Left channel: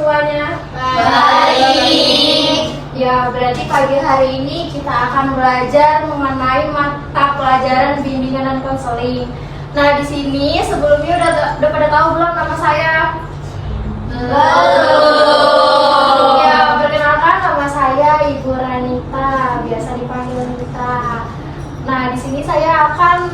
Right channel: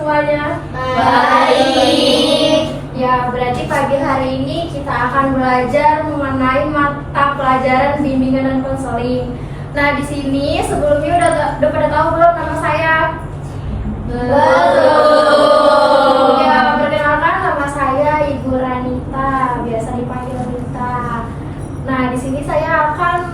semuanya? Baik. Ya, berarti pagi hari ini kita akan belajar mengenai mata pelajaran bimbingan dan konseling. Nah, di sini sebelumnya udah pada tahu belum nama saya? Betul. Ya, perkenalkan nama saya Ibu Ranita, biasa dipanggil Rita. Nah, di sini saya akan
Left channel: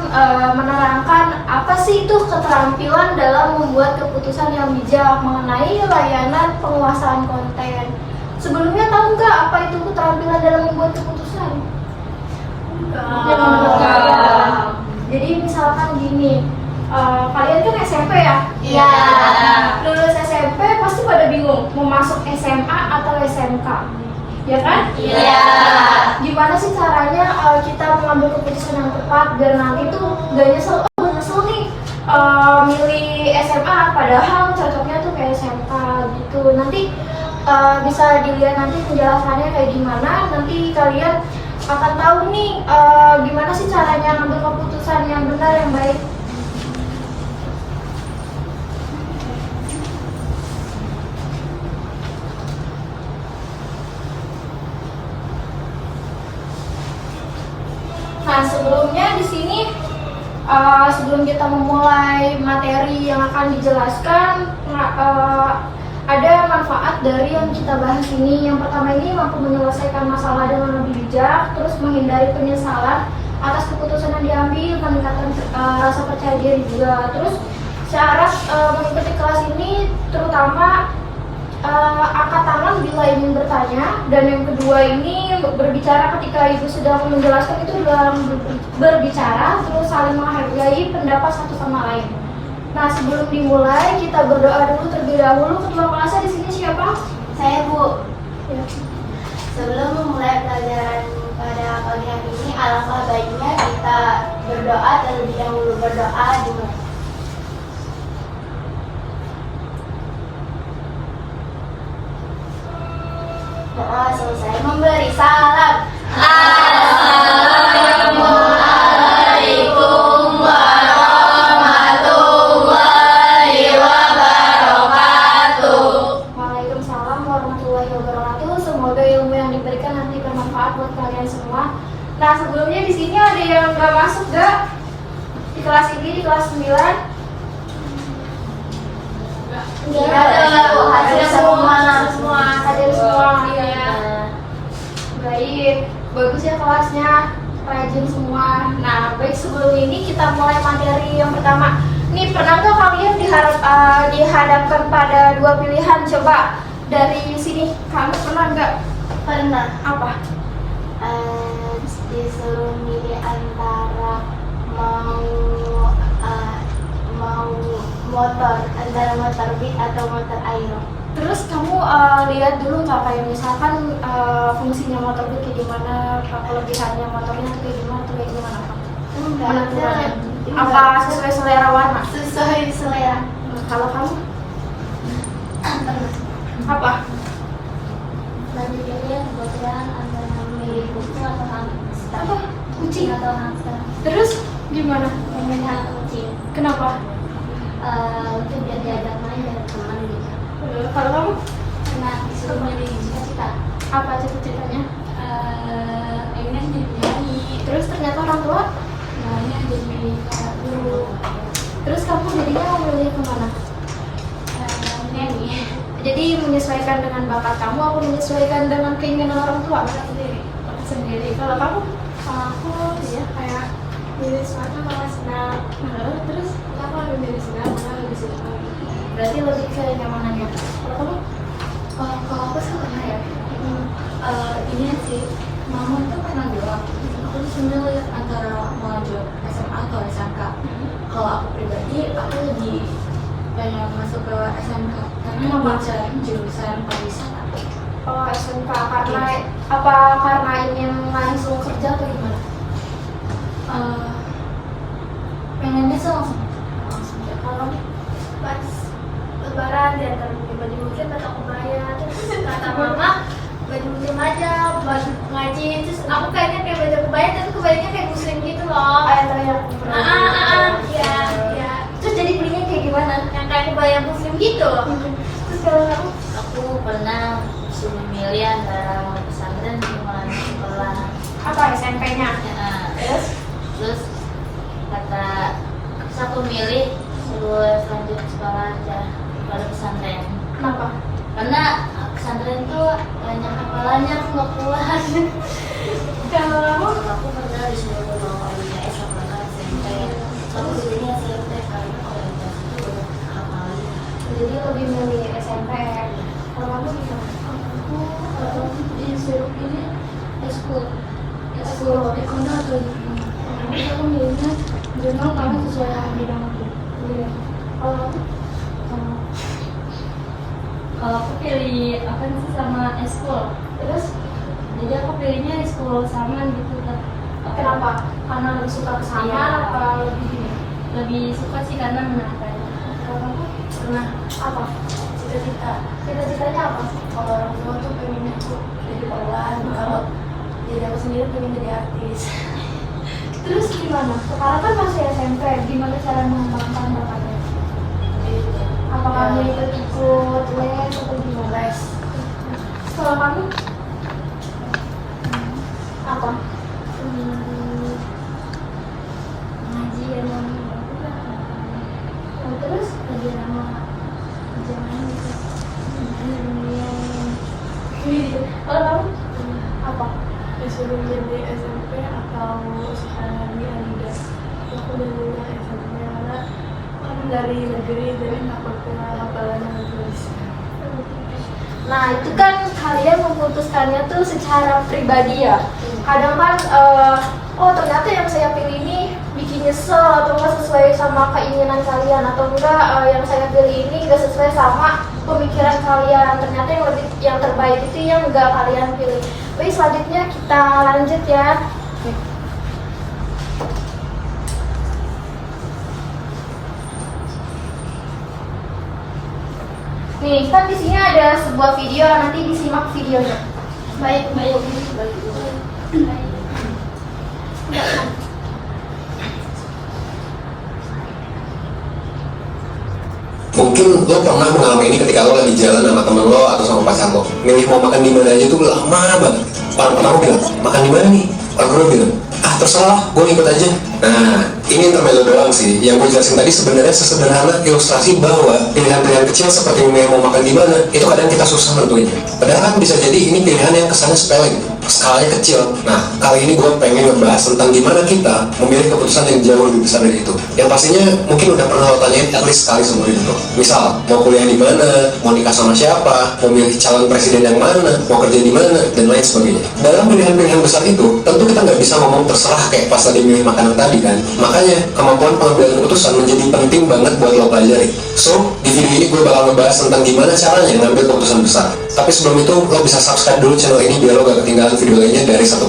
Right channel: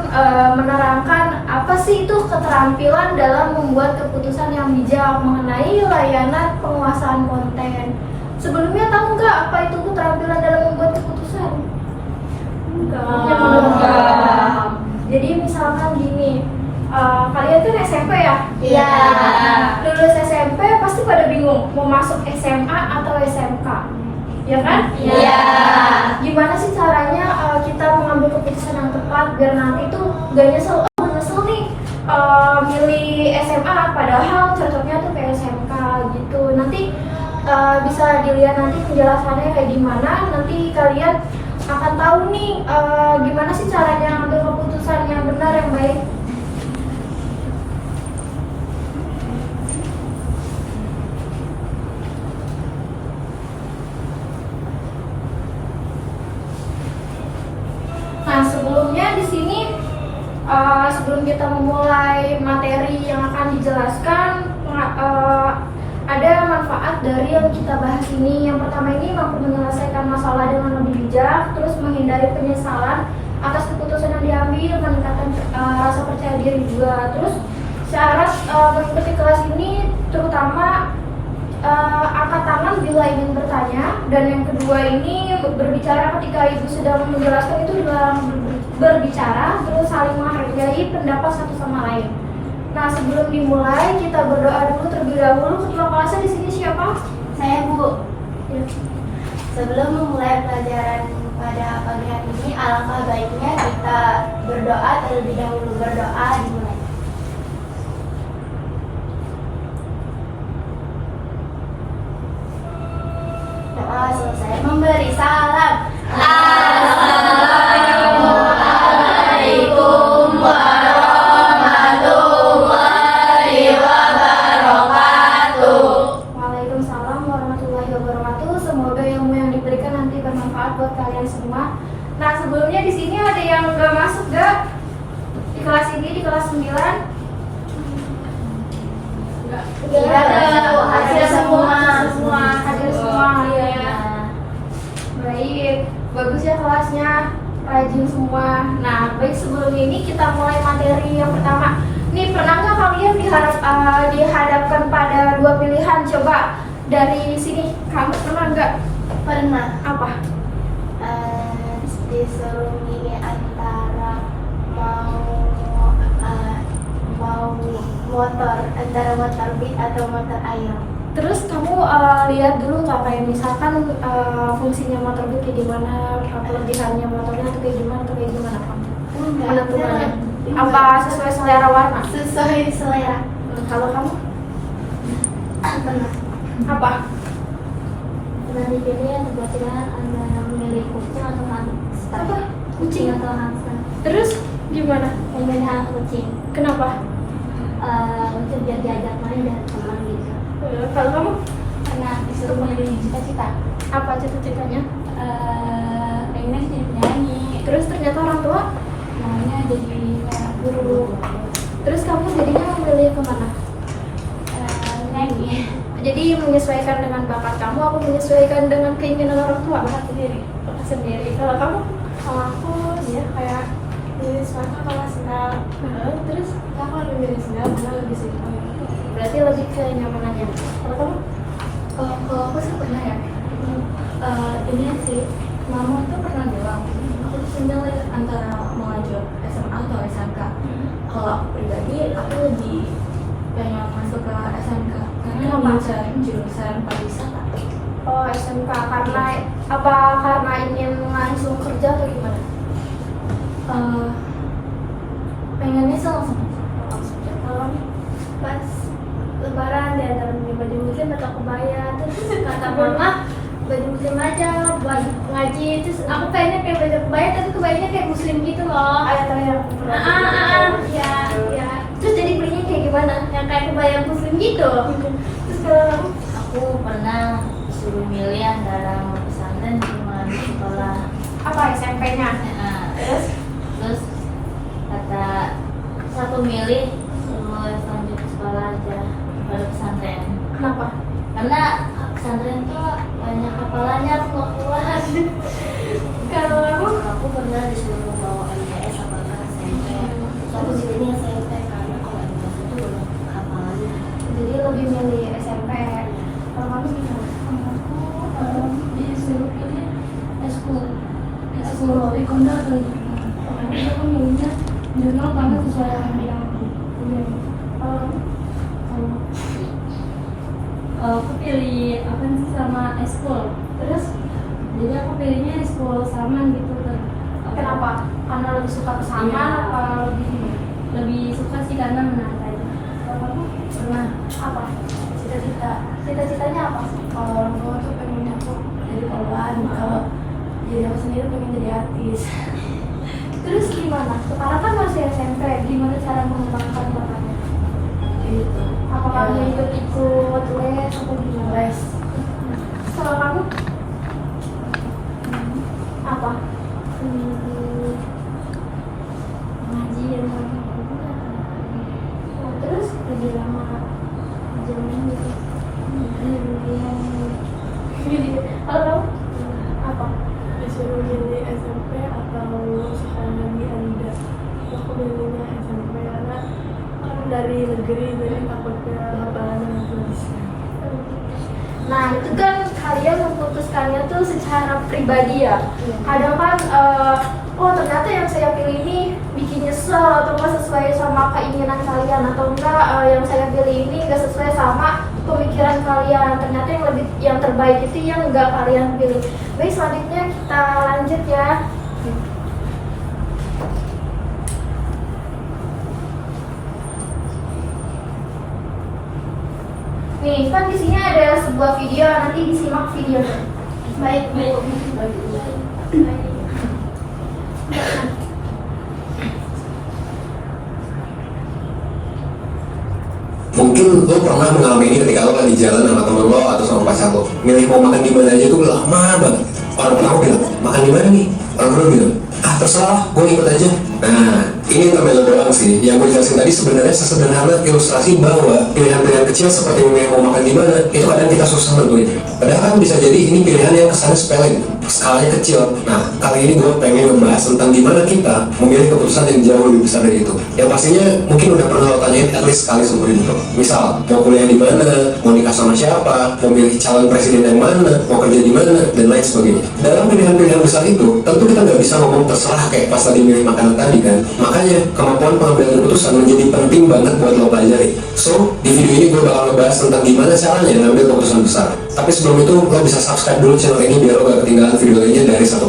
menerangkan apa sih itu keterampilan dalam membuat keputusan yang bijak mengenai layanan penguasaan konten. Sebelumnya tahu nggak apa itu keterampilan dalam membuat keputusan? Enggak. Jadi misalkan gini, kalian kan SMP ya? Iya. Lulus SMP pasti pada bingung mau masuk SMA atau SMK, ya kan? Iya. Gimana sih caranya kita mengambil keputusan yang tepat biar nanti tuh gak nyesel, nyesel nih milih SMA padahal cocoknya tuh kayak SMK gitu. Nanti bisa dilihat nanti penjelasannya kayak gimana, nanti kalian akan tahu nih gimana sih caranya ambil keputusan yang benar, yang baik. Nah, sebelumnya di sini sebelum kita memulai materi yang akan dijelaskan, ada manfaat dari yang kita bahas ini. Yang pertama ini mampu menyelesaikan masalah dengan lebih bijak, terus menghindari penyesalan atas keputusan yang diambil, meningkatkan rasa percaya diri juga. Terus syarat mengikuti kelas ini terutama angkat tangan bila ingin bertanya, dan yang kedua ini berbicara ketika ibu sudah menjelaskan itu dalam berbicara, terus saling menghargai pendapat satu sama lain. Nah, sebelum dimulai kita berdoa dulu terlebih dahulu. Ketua kelasnya di sini siapa? Saya, Bu. Ya. Sebelum memulai pelajaran pada pagi hari ini, alangkah baiknya kita berdoa terlebih dahulu. Berdoa dimulai. Doa selesai, memberi salam. Assalamualaikum warahmatullahi wabarakatuh. Waalaikumsalam warahmatullahi wabarakatuh. Semoga ilmu yang diberikan nanti bermanfaat buat kalian semua. Nah, sebelumnya di sini ada yang nggak masuk gak di kelas ini, di kelas 9? Hadir semua. Hadir semua. Ya. Baik, bagus ya kelasnya, rajin semua. Nah, baik, sebelum ini kita mulai materi yang pertama. Nih, pernah nggak kalian dihadapkan pada dua pilihan? Coba dari sini, kamu pernah nggak? Pernah. Apa? Disuruh milih antara mau motor, antara motor beat atau motor aero. Terus kamu lihat dulu nggak kayak misalkan fungsinya motor itu kayak gimana, kelebihannya motornya tuh kayak gimana kamu? Menentukannya. Apa sesuai selera warna? Sesuai selera. Kalau kamu Pernah. apa? Pernah dipilih kebetulan antara memilih kucing atau hamster. Apa? Kucing. atau hamster. Terus gimana? Pemilihan kucing. Kenapa? Untuk biar diajak main dan teman gitu. Kalau kamu Nah, disuruh milih cita-cita. apa cita-citanya? Pengen jadi penyanyi. Terus ternyata orang tua? Maunya jadi guru. Terus kamu jadinya mau milih kemana? Penyanyi. Jadi menyesuaikan dengan bakat kamu, apa menyesuaikan dengan keinginan orang tua? Sendiri. Bakat sendiri. Kalau kamu? Kalau aku ya kayak milih suaka malah senang. Terus Aku lebih milih senang karena lebih suka. berarti lebih ke nyamanannya. Kalau kamu? Kalau aku sih pernah ya. Ini sih mama itu pernah bilang aku sebenarnya antara mau lanjut SMA atau SMK. Kalau aku pribadi aku lebih pengen masuk ke SMK karena Kenapa? mencari jurusan pariwisata. Oh, SMK karena apa? Karena ingin langsung kerja atau gimana? Pengennya sih langsung. Kalau Pas lebaran dan beli baju muslim atau kebaya, terus kata mama baju muslim aja buat ngaji. Terus aku pengennya kayak baju kebaya tapi kebayanya kayak muslim gitu loh. Ya. Terus jadi belinya kayak gimana? Yang kayak kebaya muslim gitu. Terus kalau aku Aku pernah suruh milih antara pesantren sama sekolah. Apa SMP-nya? Nah, terus kata aku milih suruh lanjut sekolah aja pada pesantren. Kenapa? Karena pesantren tuh banyak hafalannya aku nggak kuat. Kalau Aku pernah disuruh bawa IPS apa enggak SMP. Aku disuruhnya SMP karena kalau IPS itu banyak hafalannya. jadi lebih milih SMP. Kalau kamu gimana? Aku disuruh pilih eskul. Eskul. Aku milihnya jurnal karena sesuai bidang aku. Iya. Kalau kamu? Aku pilih apa sih sama eskul. Terus Jadi aku pilihnya eskul saman gitu kan. kenapa? Karena lebih suka kesamaan Iya. atau lebih ini? Lebih suka sih karena menyenangkan. Kalau kamu Pernah apa? cita-cita Cita-citanya apa? kalau orang tua tuh pengennya aku jadi poluan, kalau jadi aku sendiri pengen jadi artis. Terus gimana? Sekarang kan masih SMP, gimana cara mengembangkan bakatnya? Gitu. Apa kamu Ya, ikut les atau gimana? les. Kalau kamu apa? Pengajian sama Oh, terus kerja sama jangan gitu. Ini bimbingan. kalau kamu apa? Disuruh milih SMP atau sekolah di Adidas. Aku milihnya SMP karena kan dari negeri jadi takutnya hafalannya itu bisa. Nah itu kan kalian memutuskannya tuh secara pribadi ya. Kadang kan oh ternyata yang saya pilih ini bikin nyesel atau enggak sesuai sama keinginan kalian atau enggak yang saya pilih ini enggak sesuai sama pemikiran kalian. Ternyata yang terbaik itu yang enggak kalian pilih. Baik, selanjutnya kita lanjut ya. Nih, kan di sini ada sebuah video, nanti disimak videonya. Baik. Mungkin lo pernah mengalami ini ketika lo lagi jalan sama temen lo atau sama pacar lo, milih mau makan di mana aja tuh lama banget. Orang aku bilang makan di mana nih, orang bilang terserah, gue ikut aja. Nah, ini intermezzo doang sih. Yang gue jelasin tadi sebenarnya sesederhana ilustrasi bahwa pilihan-pilihan kecil seperti memilih mau makan di mana itu kadang kita susah nentuinnya. Padahal kan bisa jadi ini pilihan yang kesannya sepele gitu, skalanya kecil. Nah, kali ini gue pengen ngebahas tentang gimana kita memilih keputusan yang jauh lebih besar dari itu. Yang pastinya mungkin udah pernah lo tanyain at least sekali seumur hidup lo. Misal, mau kuliah di mana, mau nikah sama siapa, mau milih calon presiden yang mana, mau kerja di mana, dan lain sebagainya. Dalam pilihan-pilihan besar itu, tentu kita nggak bisa ngomong terserah kayak pas tadi milih makanan tadi kan. Makanya kemampuan pengambilan keputusan menjadi penting banget buat lo pelajari. So, di video ini gue bakal ngebahas tentang gimana caranya ngambil keputusan besar. Tapi sebelum itu, lo bisa subscribe dulu channel ini biar lo gak ketinggalan video lainnya dari 1%.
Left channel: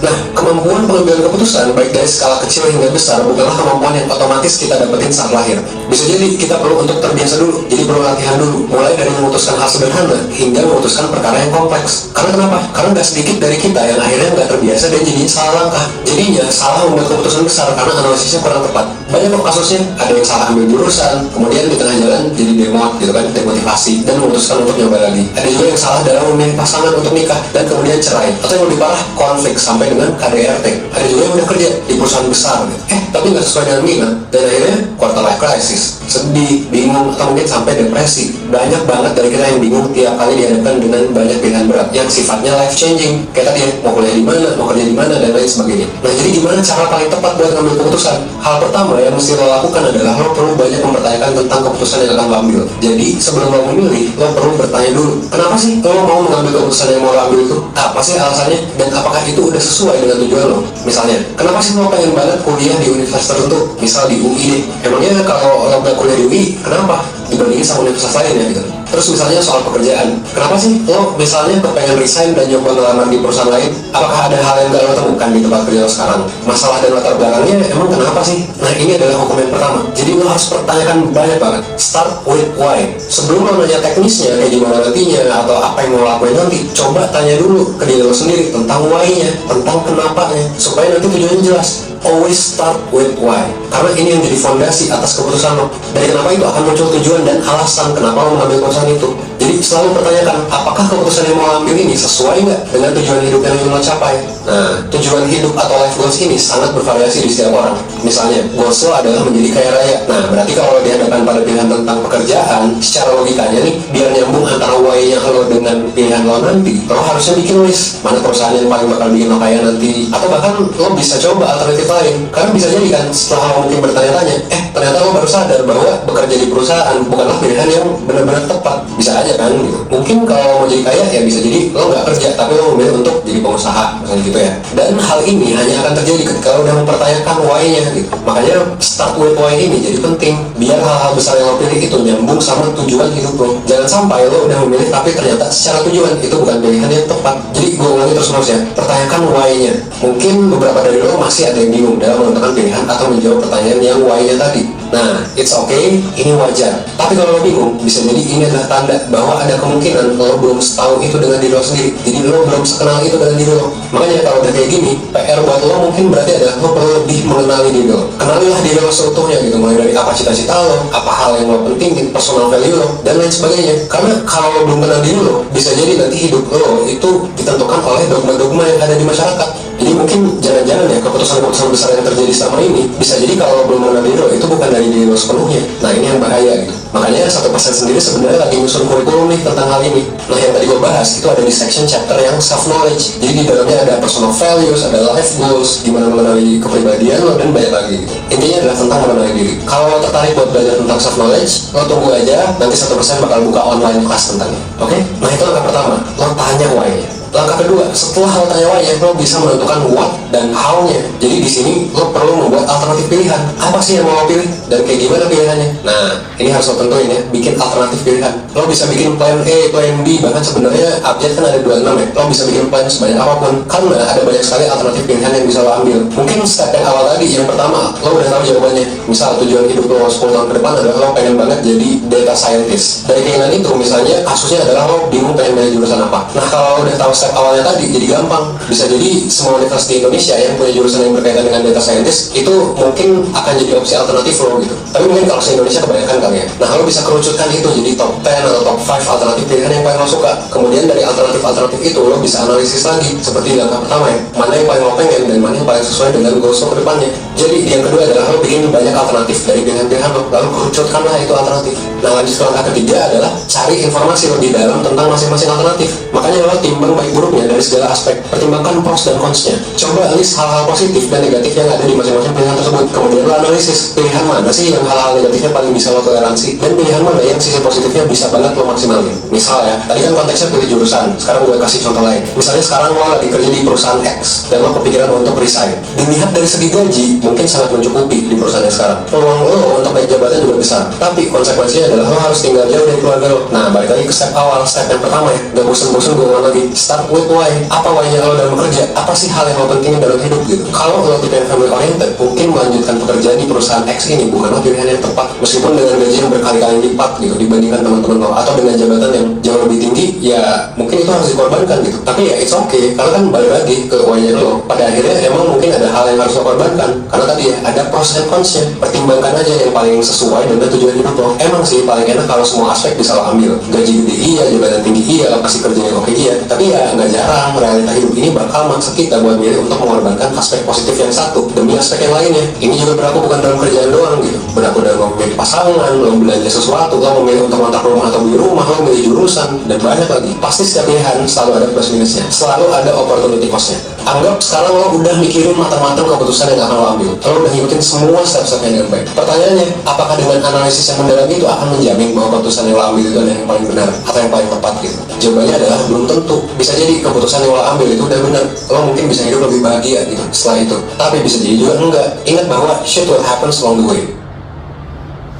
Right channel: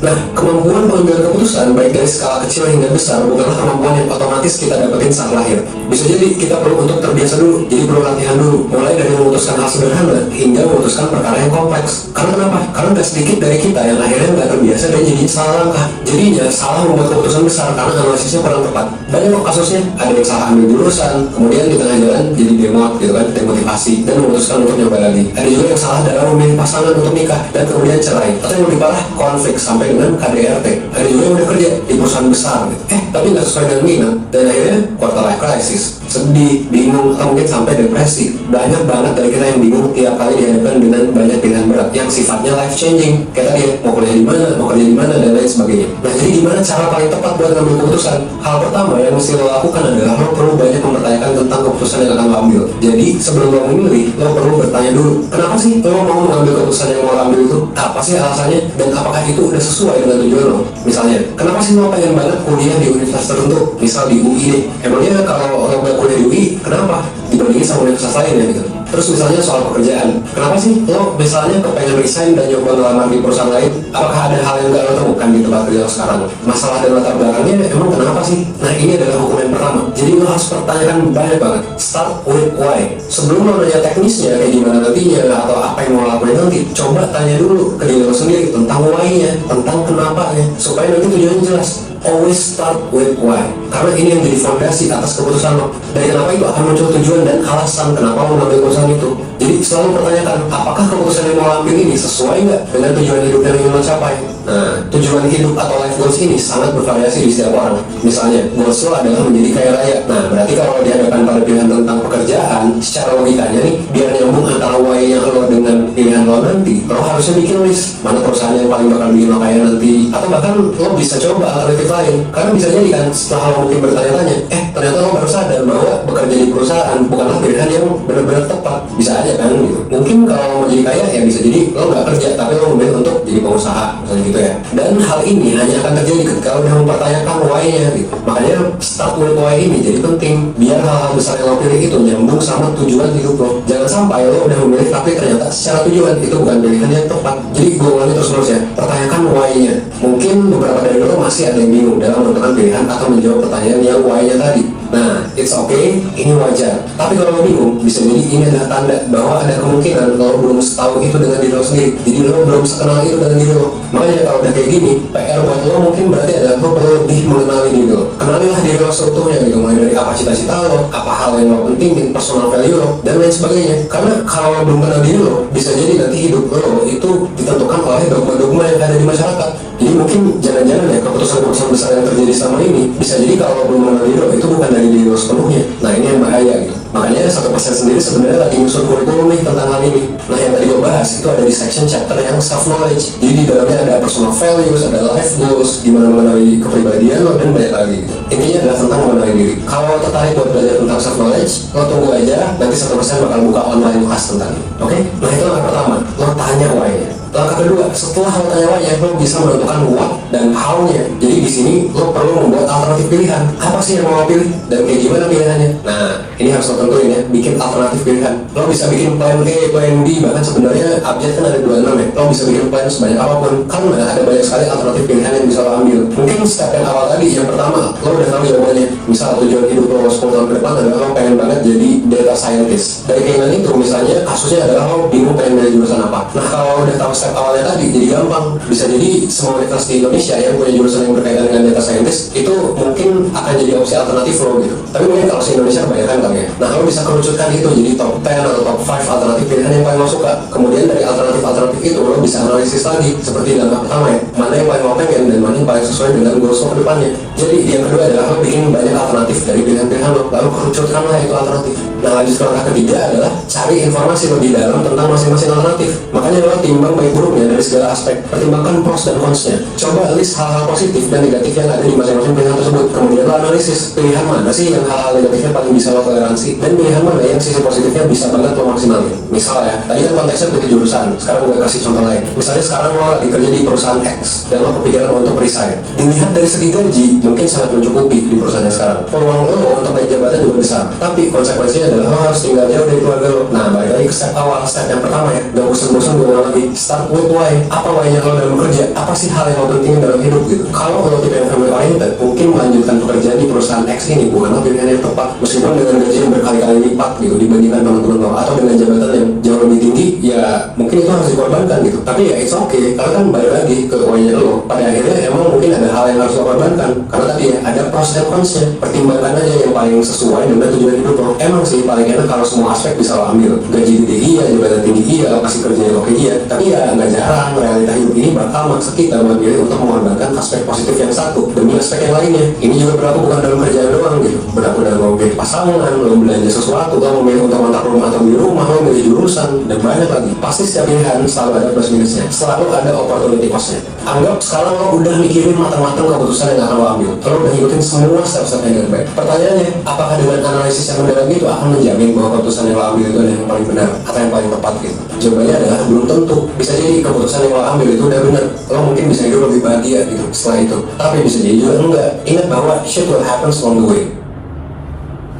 Nah, kemampuan pengambilan keputusan baik dari skala kecil hingga besar bukanlah kemampuan yang otomatis kita dapetin saat lahir. Bisa jadi kita perlu untuk terbiasa dulu, jadi perlu latihan dulu, mulai dari memutuskan hal sederhana hingga memutuskan perkara yang kompleks. Karena kenapa? Karena gak sedikit dari kita yang akhirnya gak terbiasa dan jadinya salah langkah. Jadinya salah membuat keputusan besar karena analisisnya kurang tepat. Banyak kok kasusnya, ada yang salah ambil jurusan, kemudian di tengah jalan jadi demot gitu kan, demotivasi dan memutuskan untuk nyoba lagi. Ada juga yang salah dalam memilih pasangan untuk nikah dan kemudian cerai. Atau yang lebih parah, konflik sampai dengan KDRT. Ada juga yang udah kerja di perusahaan besar gitu. Tapi nggak sesuai dengan minat dan akhirnya quarter life crisis, sedih, bingung, atau mungkin sampai depresi. Banyak banget dari kita yang bingung tiap kali dihadapkan dengan banyak pilihan berat yang sifatnya life changing. Kayak tadi ya, mau kuliah di mana, mau kerja di mana, dan lain sebagainya. Nah, jadi gimana cara paling tepat buat ngambil keputusan? Hal pertama yang mesti lo lakukan adalah lo perlu banyak mempertanyakan tentang keputusan yang akan lo ambil. Jadi sebelum lo memilih, lo perlu bertanya dulu, kenapa sih lo mau mengambil keputusan yang mau lo ambil itu? Apa sih alasannya? Dan apakah itu udah sesuai dengan tujuan lo? Misalnya, kenapa sih lo pengen banget kuliah di universitas tertentu? Misal di UI deh. Emangnya kalau lo nggak kuliah di UI, kenapa? Dibandingin sama universitas lain ya gitu. Terus misalnya soal pekerjaan, kenapa sih lo misalnya kepengen resign dan nyoba ngelamar di perusahaan lain? Apakah ada hal yang gak lo temukan di tempat kerja lo sekarang? Masalah dan latar belakangnya emang kenapa sih? Nah, ini adalah hukum yang pertama. Jadi lo harus pertanyakan banyak banget. Start with why. Sebelum lo nanya teknisnya kayak gimana nantinya atau apa yang mau lakuin nanti, coba tanya dulu ke diri lo sendiri tentang why-nya, tentang kenapa-nya, supaya nanti tujuannya jelas. always start with why. Karena ini yang jadi fondasi atas keputusan lo. Dari kenapa itu akan muncul tujuan dan alasan kenapa lo mengambil keputusan itu. Jadi selalu pertanyakan, apakah keputusan yang mau ambil ini sesuai nggak dengan tujuan hidup yang ingin lo capai? Nah, tujuan hidup atau life goals ini sangat bervariasi di setiap orang. Misalnya, goals lo adalah menjadi kaya raya. Nah, berarti kalau lo dihadapkan pada pilihan tentang pekerjaan, secara logikanya nih, biar nyambung antara why-nya lo dengan pilihan lo nanti, lo harusnya bikin list mana perusahaan yang paling bakal bikin lo kaya nanti. Atau bahkan lo bisa coba alternatif lain. Karena bisa jadi kan, setelah lo mungkin bertanya-tanya, ternyata lo baru sadar bahwa bekerja di perusahaan bukanlah pilihan yang benar-benar tepat. Bisa aja kan gitu. Mungkin kalau mau jadi kaya ya bisa jadi lo nggak kerja tapi lo memilih untuk jadi pengusaha misalnya gitu ya. Dan hal ini hanya akan terjadi ketika lo udah mempertanyakan why-nya gitu. Makanya start with why ini jadi penting biar hal-hal besar yang lo pilih itu nyambung sama tujuan hidup lo. Jangan sampai lo udah memilih tapi ternyata secara tujuan itu bukan pilihan yang tepat. Jadi gue ulangi terus ya, pertanyakan why-nya. Mungkin beberapa dari lo masih ada yang bingung dalam menentukan pilihan atau menjawab pertanyaan yang why-nya tadi. Nah, it's okay, ini wajar. Tapi kalau lo bingung, bisa jadi ini adalah tanda bahwa ada kemungkinan lo belum setahu itu dengan diri lo sendiri. Jadi lo belum sekenal itu dengan diri lo. Makanya kalau udah kayak gini, PR buat lo mungkin berarti adalah lo perlu lebih mengenali diri lo. Kenalilah diri lo seutuhnya gitu, mulai dari apa cita-cita lo, apa hal yang lo pentingin, personal value lo, dan lain sebagainya. Karena kalau lo belum kenal diri lo, bisa jadi nanti hidup lo itu ditentukan oleh dogma-dogma yang ada di masyarakat. Jadi mungkin jangan-jangan ya keputusan-keputusan besar yang terjadi selama ini bisa jadi kalau belum mengenal diri lo itu bukan dari diri lo sepenuhnya. Nah ini yang bahaya gitu. Makanya 1% sendiri sebenarnya lagi nyusun kurikulum nih tentang hal ini. Nah yang tadi gue bahas itu ada di section chapter yang self knowledge. Jadi di dalamnya ada personal values, ada life goals, gimana mengenali kepribadian lo dan banyak lagi gitu. Intinya adalah tentang mengenali diri. Kalau lo tertarik buat belajar tentang self knowledge, lo tunggu aja nanti 1% bakal buka online class tentang ini. Oke? Nah itu langkah pertama, lo tanya why-nya. Langkah kedua, setelah lo tanya why-nya, lo bisa menentukan what dan how-nya. Jadi di sini lo perlu membuat alternatif pilihan. Apa sih yang mau lo pilih dan kayak gimana pilihannya? Nah, ini harus lo tentuin ya, bikin alternatif pilihan. Lo bisa bikin plan A, plan B, bahkan sebenarnya update kan ada 26 ya. Lo bisa bikin plan sebanyak apapun, karena ada banyak sekali alternatif pilihan yang bisa lo ambil. Mungkin step yang awal tadi, yang pertama, lo udah tahu jawabannya. Misal tujuan hidup lo 10 tahun ke depan adalah lo pengen banget jadi data scientist. Dari keinginan itu, misalnya kasusnya adalah lo bingung pengen milih jurusan apa. Nah, kalau udah tahu step awalnya tadi jadi gampang. Bisa jadi semua universitas di Indonesia yang punya jurusan yang berkaitan dengan data scientist itu mungkin akan jadi opsi alternatif lo gitu. Tapi mungkin kalau se Indonesia kebanyakan kan ya. Nah lo bisa kerucutkan itu jadi top 10 atau top 5 alternatif pilihan yang paling lo suka. Kemudian dari alternatif-alternatif itu lo bisa analisis lagi seperti langkah pertama ya, mana yang paling lo pengen dan mana yang paling sesuai dengan goals lo ke depannya. Jadi yang kedua adalah lo bikin banyak alternatif dari pilihan-pilihan lo, lalu kerucutkanlah itu alternatif. Nah lanjut ke langkah ketiga adalah cari informasi lo di dalam tentang masing-masing alternatif. Makanya lo timbang baik buruknya dari segala aspek, pertimbangkan pros dan cons-nya. Coba list hal-hal positif dan negatif yang ada di masing-masing pilihan tersebut. Kemudian lo analisis pilihan mana sih yang hal-hal negatifnya paling bisa lo toleransi dan pilihan mana yang sisi positifnya bisa banget lo maksimalin. Misal ya, tadi kan konteksnya pilih jurusan. Sekarang gue kasih contoh lain. Misalnya sekarang lo lagi kerja di perusahaan X dan lo kepikiran untuk resign. Dilihat dari segi gaji mungkin sangat mencukupi di perusahaan yang sekarang. Peluang lo untuk naik jabatan juga besar. Tapi konsekuensinya adalah lo harus tinggal jauh dari keluarga lo. Nah balik lagi ke step awal, step yang pertama ya. Gak bosan-bosan gue ulang lagi. Start with why. Apa why-nya lo dalam bekerja? Apa sih hal yang lo pentingin dalam hidup gitu? Kalau lo tipe yang family oriented, mungkin melanjutkan pekerjaan di perusahaan X ini bukanlah pilihan yang tepat. Meskipun dengan gaji yang berkali-kali lipat gitu dibandingkan teman-teman lo, atau dengan jabatan yang jauh lebih tinggi, ya mungkin itu harus dikorbankan gitu. Tapi ya it's okay, karena kan balik lagi ke why-nya lo. Pada akhirnya emang mungkin ada hal yang harus lo korbankan. Karena tadi ya ada pros dan cons-nya. Pertimbangkan aja yang paling sesuai dengan tujuan hidup lo. Emang sih paling enak kalau semua aspek bisa lo ambil. Gaji gede iya, jabatan tinggi iya, lokasi kerja yang oke iya. Tapi ya nggak jarang realita hidup ini bakal maksa kita memilih untuk mengorbankan aspek positif yang satu demi aspek yang lainnya. Ini juga berlaku bukan dalam kerjaan doang gitu. Berlaku dalam memilih pasangan, lo belanja sesuatu, lo memilih untuk kontrak rumah atau beli rumah, lo memilih jurusan, dan banyak lagi. Pasti setiap pilihan selalu ada plus minusnya, selalu ada opportunity cost-nya. Anggap sekarang lo udah mikirin matang-matang keputusan yang akan lo ambil. Lo udah ngikutin semua step-stepnya dengan baik. Pertanyaannya, apakah dengan analisis yang mendalam itu akan menjamin bahwa keputusan yang lo ambil itu yang paling benar atau yang paling tepat gitu? Jawabannya adalah belum tentu. Bisa jadi keputusan yang lo ambil itu udah benar. Lo mungkin bisa hidup lebih bahagia gitu setelah itu. Tapi bisa jadi juga enggak. Ingat bahwa shit will happen along the way.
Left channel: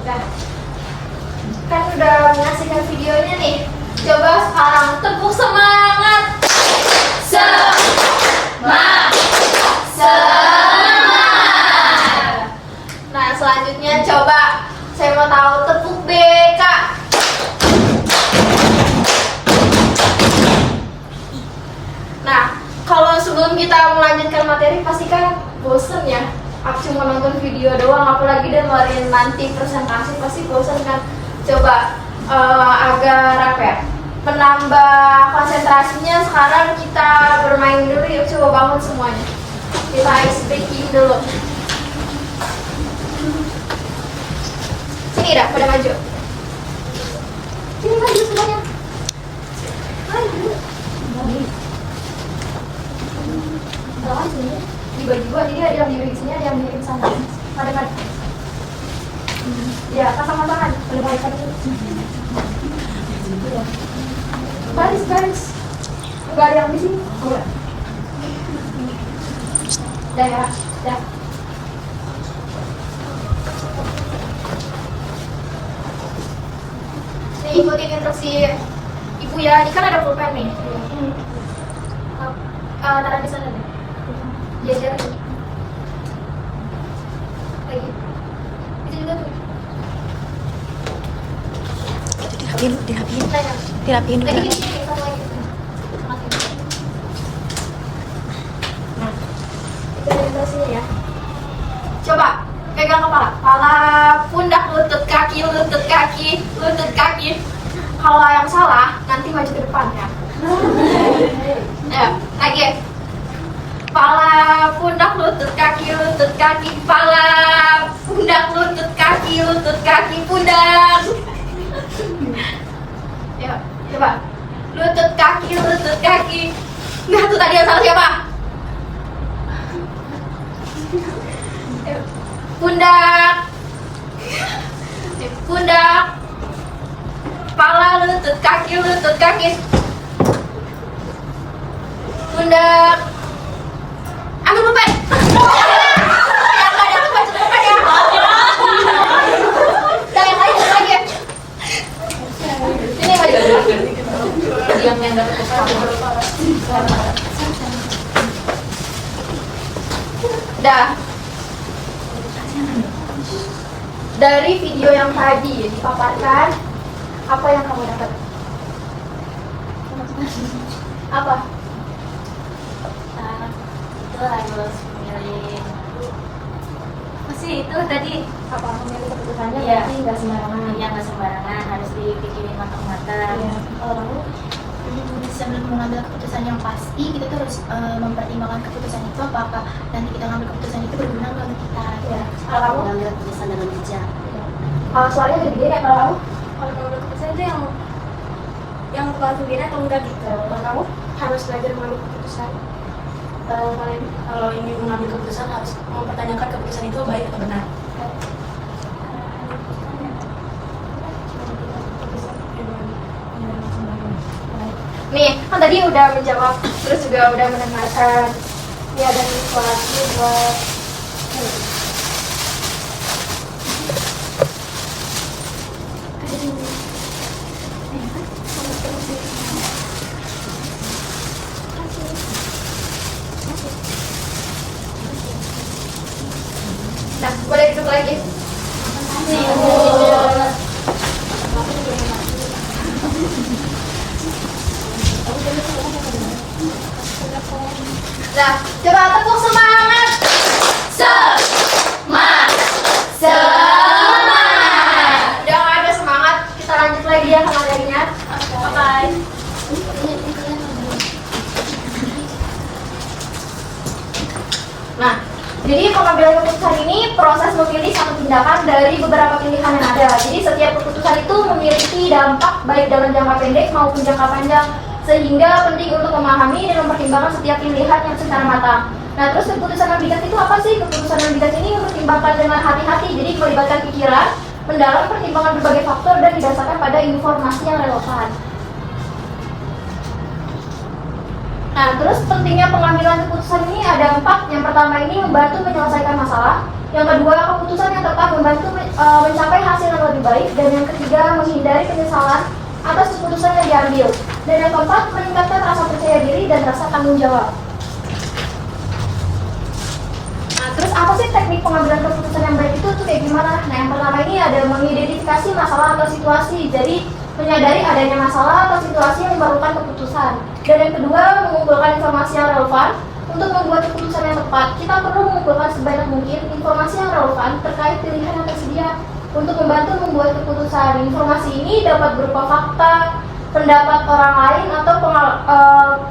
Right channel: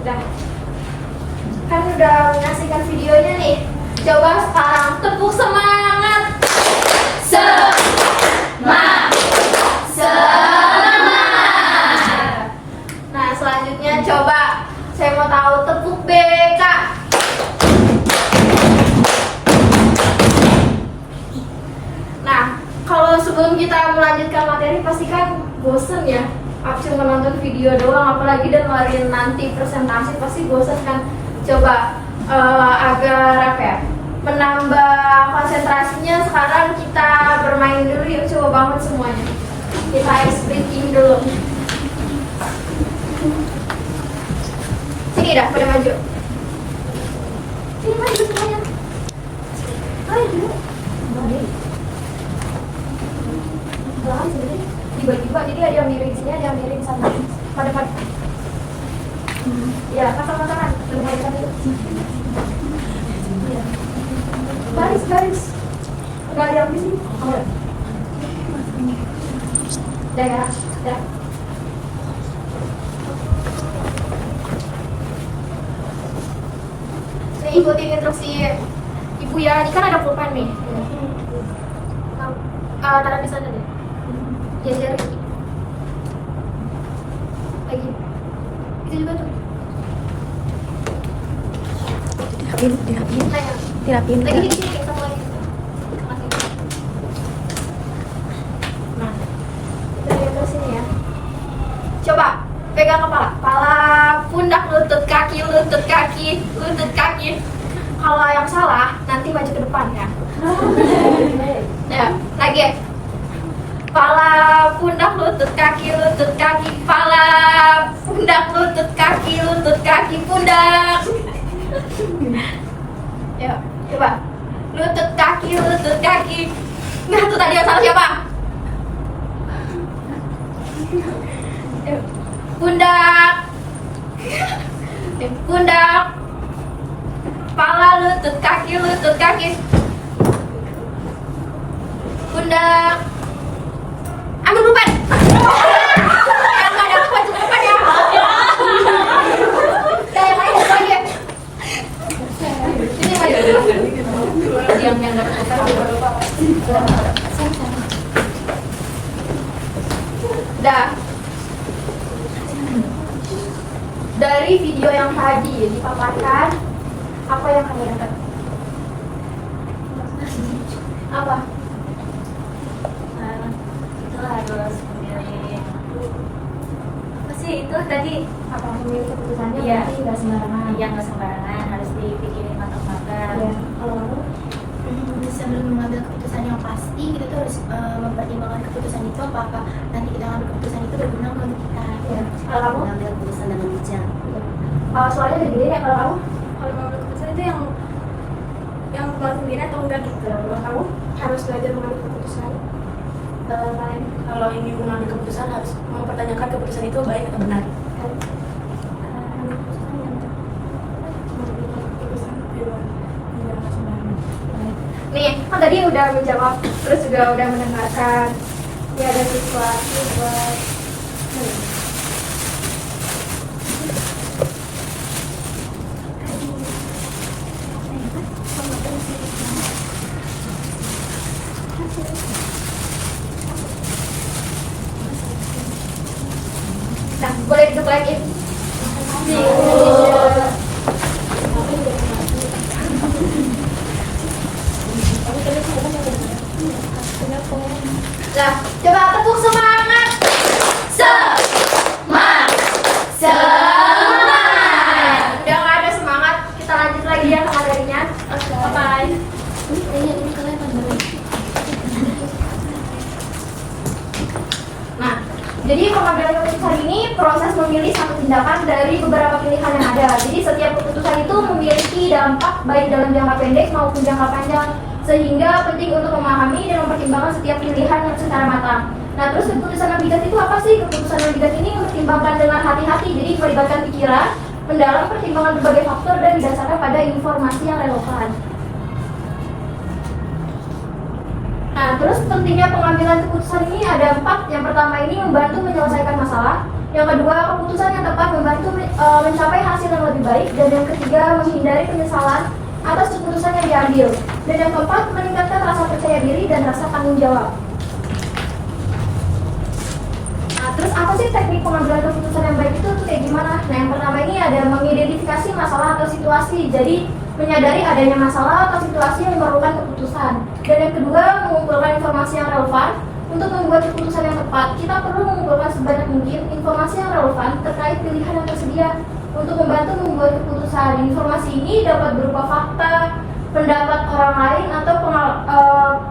Udah. Kan udah menyaksikan videonya nih. Coba sekarang tepuk semangat. Semangat. Nah, selanjutnya coba saya mau tahu tepuk BK. Nah, kalau sebelum kita melanjutkan materi pasti kan bosen ya. aku cuma nonton video doang, apalagi dengerin nanti presentasi pasti bosan kan. Coba agar apa ya, menambah konsentrasinya sekarang kita bermain dulu yuk, coba bangun semuanya. Kita ice breaking dulu. Sini dah, pada maju. Sini maju semuanya. Maju. Tiba-tiba dia ada yang miring sini, ada yang miring sana. Pada. Ya, pasang-pasangan. Pada barisan dulu. Iya. Baris. Enggak ada yang di sini. Oh, udah ya. Udah. Nih, ikutin instruksi ibu ya. Ini kan ada pulpen nih. Taruh di sana deh. Geser lagi. Itu juga tuh. Dirapiin Lagi di kan? sini, satu lagi. Nah, itu instruksinya ya. Coba pegang kepala, pundak, lutut kaki. Kalau yang salah nanti maju ke depan ya. Ya, lagi. Kepala, pundak, lutut kaki, kepala, pundak, lutut kaki, pundak. Yuk, coba. Lutut kaki. Nah, itu tadi yang salah siapa? Yuk. Pundak. Kepala, lutut kaki. Pundak. Ambil pulpen. Yang nggak dapat maju ke depan ya. Udah, yang lain lagi ya. Ini maju. Yang nggak dapat pulpen. Dah. Dari video yang tadi dipaparkan, apa yang kamu dapat? Apa? Itu harus memilih. Sih itu tadi Apa memilih keputusannya? Iya. Berarti nggak sembarangan. nggak sembarangan, harus dipikirin matang-matang. Iya. Kalau lalu sebelum mengambil keputusan yang pasti, kita tuh harus mempertimbangkan keputusan itu apakah nanti kita ngambil keputusan itu berguna nggak untuk kita. Iya. Kalau kamu? Mengambil keputusan dengan bijak. Soalnya lebih gede ya kalau kamu? Kalau mengambil keputusan itu yang bakal pembina atau enggak gitu. Kalau kamu harus belajar mengambil keputusan. Kalau ingin mengambil keputusan harus mempertanyakan keputusan itu baik atau benar. Nih, kan tadi udah menjawab, terus juga udah mendengarkan. Ya dari buat nah, boleh duduk lagi. Nah, coba tepuk semangat. Semangat. Udah nggak ada semangat, kita lanjut lagi ya ke materinya. Bye. Nah, jadi pengambilan keputusan ini proses memilih satu tindakan dari beberapa pilihan yang ada. Jadi setiap keputusan itu memiliki dampak baik dalam jangka pendek maupun jangka panjang, sehingga penting untuk memahami dan mempertimbangkan setiap pilihan yang secara matang. Nah, terus keputusan yang bijak itu apa sih? Keputusan yang bijak ini mempertimbangkan dengan hati-hati, jadi melibatkan pikiran, mendalam pertimbangan berbagai faktor dan didasarkan pada informasi yang relevan. Nah, terus pentingnya pengambilan keputusan ini ada 4. Yang pertama ini membantu menyelesaikan masalah. Yang kedua, keputusan yang tepat membantu mencapai hasil yang lebih baik. Dan yang ketiga, menghindari penyesalan atas keputusan yang diambil. Dan yang keempat, meningkatkan rasa percaya diri dan rasa tanggung jawab. Nah, terus apa sih teknik pengambilan keputusan yang baik itu tuh kayak gimana? Nah, yang pertama ini ada mengidentifikasi masalah atau situasi. Jadi, menyadari adanya masalah atau situasi yang memerlukan keputusan. Dan yang kedua, mengumpulkan informasi yang relevan. Untuk membuat keputusan yang tepat, kita perlu mengumpulkan sebanyak mungkin informasi yang relevan terkait pilihan yang tersedia. Untuk membantu membuat keputusan, informasi ini dapat berupa fakta, pendapat orang lain, atau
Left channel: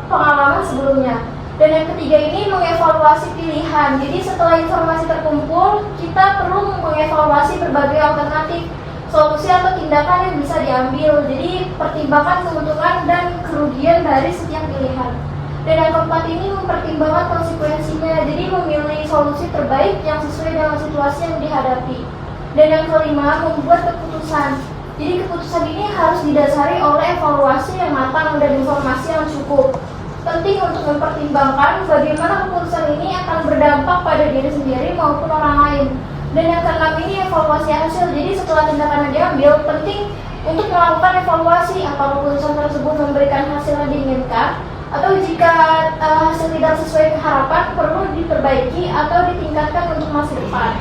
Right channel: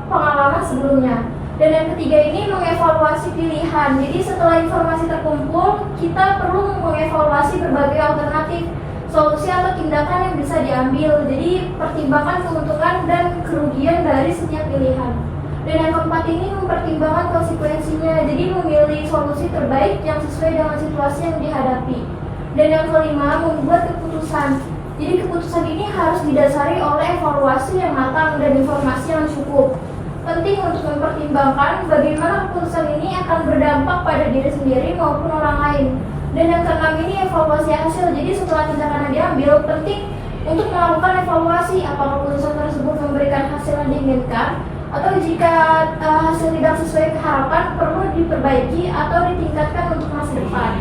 pengalaman sebelumnya. Dan yang ketiga ini mengevaluasi pilihan. Jadi setelah informasi terkumpul, kita perlu mengevaluasi berbagai alternatif, solusi atau tindakan yang bisa diambil. Jadi pertimbangkan keuntungan dan kerugian dari setiap pilihan. Dan yang keempat ini mempertimbangkan konsekuensinya. Jadi memilih solusi terbaik yang sesuai dengan situasi yang dihadapi. Dan yang kelima, membuat keputusan. Jadi keputusan ini harus didasari oleh evaluasi yang matang dan informasi yang cukup. Penting untuk mempertimbangkan bagaimana keputusan ini akan berdampak pada diri sendiri maupun orang lain. Dan yang keenam ini evaluasi hasil. Jadi setelah tindakan yang diambil, penting untuk melakukan evaluasi apakah keputusan tersebut memberikan hasil yang diinginkan, atau jika hasil tidak sesuai harapan perlu diperbaiki atau ditingkatkan untuk masa depan.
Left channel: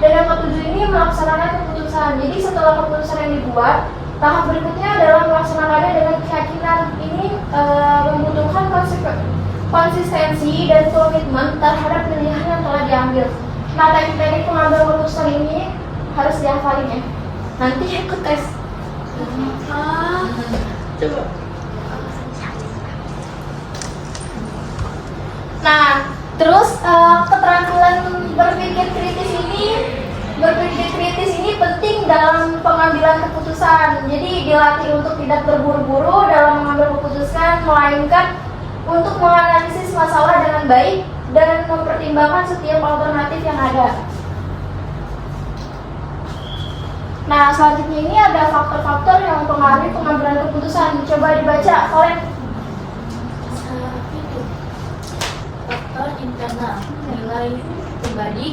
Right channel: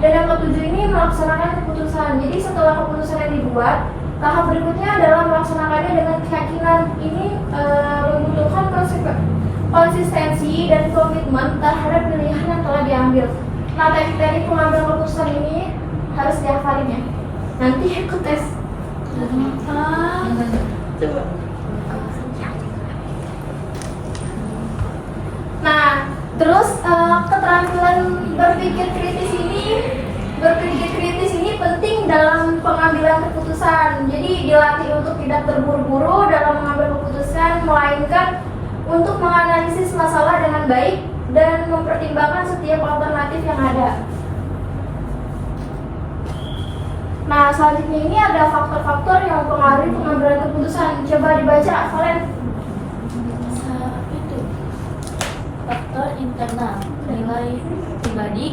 Dan yang ketujuh ini melaksanakan keputusan. Jadi setelah keputusan yang dibuat, tahap berikutnya adalah melaksanakannya dengan keyakinan. Ini membutuhkan konsistensi dan komitmen terhadap pilihan yang telah diambil. Nah, teknik pengambil keputusan ini harus dihafalin ya. Nanti ikut tes. Nah, terus keterampilan berpikir kritis ini penting dalam pengambilan keputusan. Jadi dilatih untuk tidak terburu-buru dalam mengambil keputusan, melainkan untuk menganalisis masalah dengan baik dan mempertimbangkan setiap alternatif yang ada. Nah, selanjutnya ini ada faktor-faktor yang mempengaruhi pengambilan keputusan. Coba dibaca, Kolen. Faktor internal, nilai pribadi,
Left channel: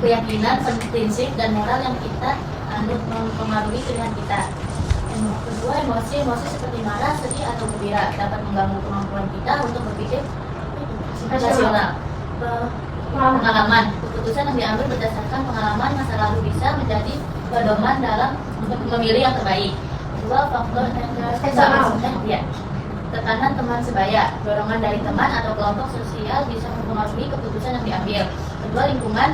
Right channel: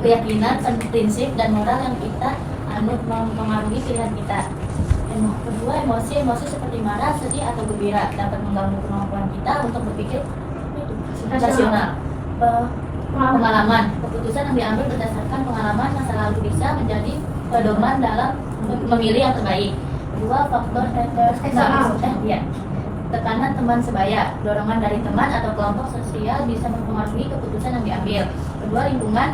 keyakinan, prinsip dan moral yang kita anut mempengaruhi pilihan kita. Yang kedua, emosi seperti marah, sedih atau gembira dapat mengganggu kemampuan kita untuk berpikir rasional. Pengalaman, keputusan yang diambil berdasarkan pengalaman masa lalu bisa menjadi pedoman dalam memilih yang terbaik. Dua, faktor eksternal, tekanan teman sebaya, dorongan dari teman atau kelompok sosial bisa mempengaruhi keputusan yang diambil. Kedua, lingkungan,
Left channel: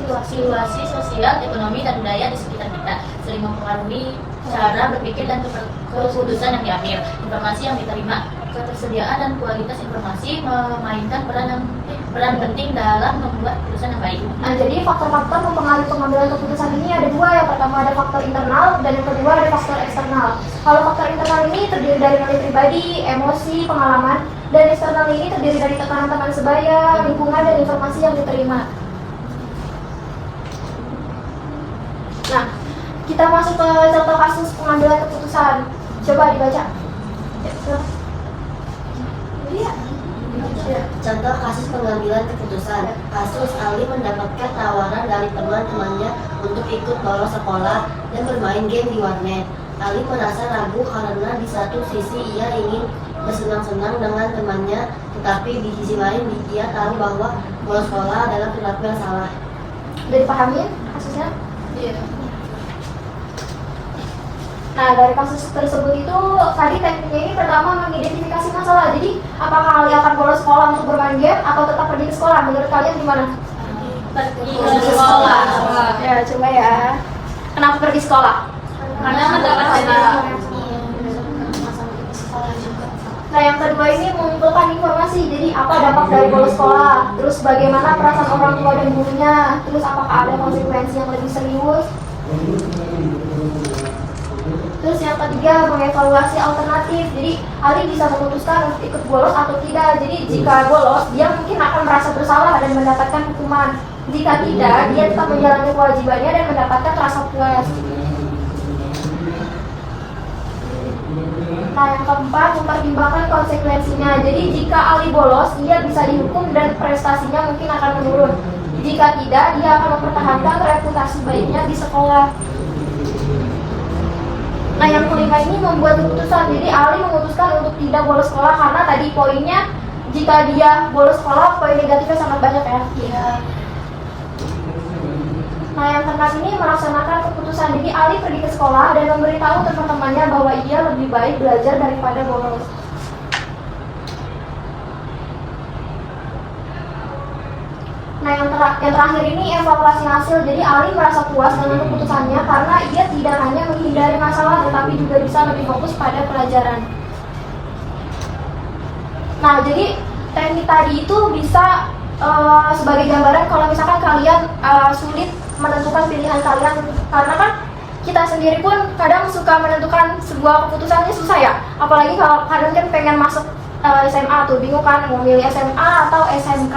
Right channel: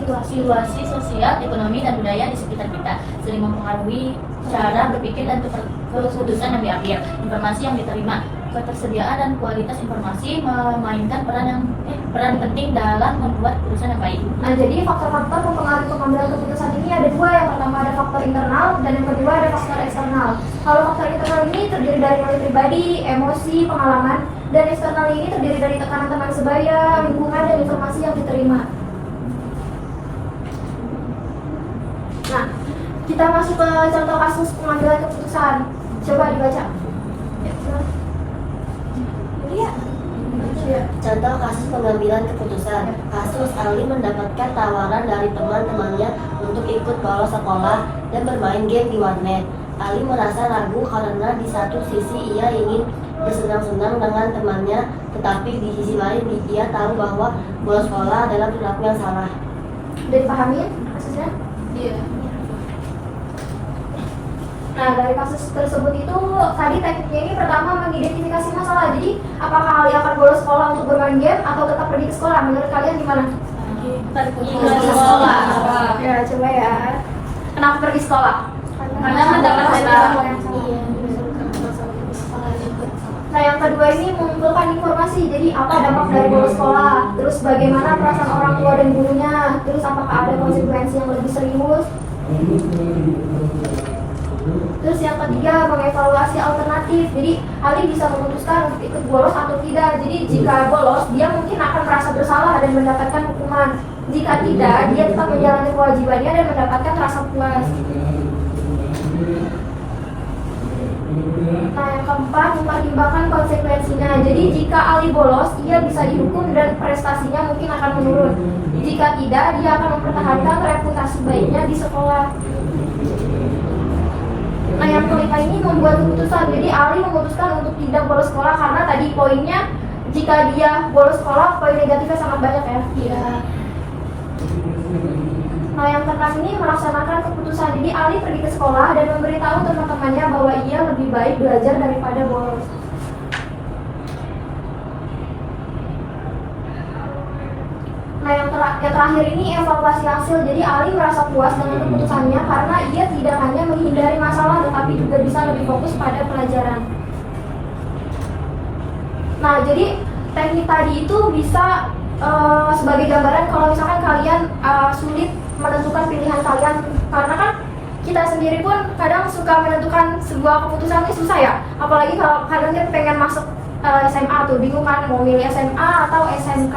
situasi sosial, ekonomi dan budaya di sekitar kita sering mempengaruhi cara berpikir dan keputusan yang diambil. Informasi yang diterima, ketersediaan dan kualitas informasi memainkan peran penting dalam membuat keputusan yang baik. Nah, jadi faktor-faktor mempengaruhi pengambilan keputusan ini ada dua. Yang pertama ada faktor internal dan yang kedua ada faktor eksternal. Kalau faktor internal ini terdiri dari nilai pribadi, emosi, pengalaman, dan eksternal ini terdiri dari tekanan teman sebaya, lingkungan, dan informasi yang diterima. Nah, kita masuk ke contoh kasus pengambilan keputusan. Coba dibaca. Contoh kasus pengambilan keputusan. Kasus Ali mendapatkan tawaran dari teman-temannya untuk ikut bolos sekolah dan bermain game di warnet. Ali merasa ragu karena di satu sisi ia ingin bersenang-senang dengan temannya, tetapi di sisi lain ia tahu bahwa bolos sekolah adalah perilaku yang salah. Udah dipahami kasusnya? Iya. Nah, dari kasus tersebut itu tadi tekniknya ini pertama mengidentifikasi masalah. Jadi, apakah Ali akan bolos sekolah untuk bermain game atau tetap pergi ke sekolah? Menurut kalian gimana? Pergi ke sekolah. Ya, coba ya. Kenapa pergi sekolah? Karena mendapatkan Nah, yang kedua ini mengumpulkan informasi. Jadi, apa dampak dari bolos sekolah? Terus bagaimana perasaan orang tua dan gurunya? Terus apakah ada konsekuensi yang lebih serius? Terus yang ketiga, mengevaluasi alternatif. Jadi Ali bisa memutuskan untuk ikut bolos atau tidak. Jadi jika bolos, dia mungkin akan merasa bersalah dan mendapatkan hukuman. Jika tidak, dia tetap menjalankan kewajibannya dan mendapatkan rasa puas. Nah, yang keempat, mempertimbangkan konsekuensinya. Jadi jika Ali bolos, dia bisa dihukum dan prestasinya mungkin akan menurun. Jika tidak, dia akan mempertahankan reputasi baiknya di sekolah. Nah, yang kelima ini membuat keputusan. Jadi Ali memutuskan untuk tidak bolos sekolah karena tadi poinnya jika dia bolos sekolah poin negatifnya sangat banyak ya. Iya. Nah, yang terakhir ini melaksanakan keputusan. Jadi Ali pergi ke sekolah dan memberitahu teman-temannya bahwa ia lebih baik belajar daripada bolos. yang terakhir ini evaluasi hasil. Jadi Ali merasa puas dengan keputusannya karena ia tidak hanya menghindari masalah tetapi juga bisa lebih fokus pada pelajaran. Nah, jadi teknik tadi itu bisa sebagai gambaran kalau misalkan kalian sulit menentukan pilihan kalian, karena kan kita sendiri pun kadang suka menentukan sebuah keputusannya susah ya, apalagi kalau kadang kan pengen masuk SMA tuh bingung kan mau milih SMA atau SMK.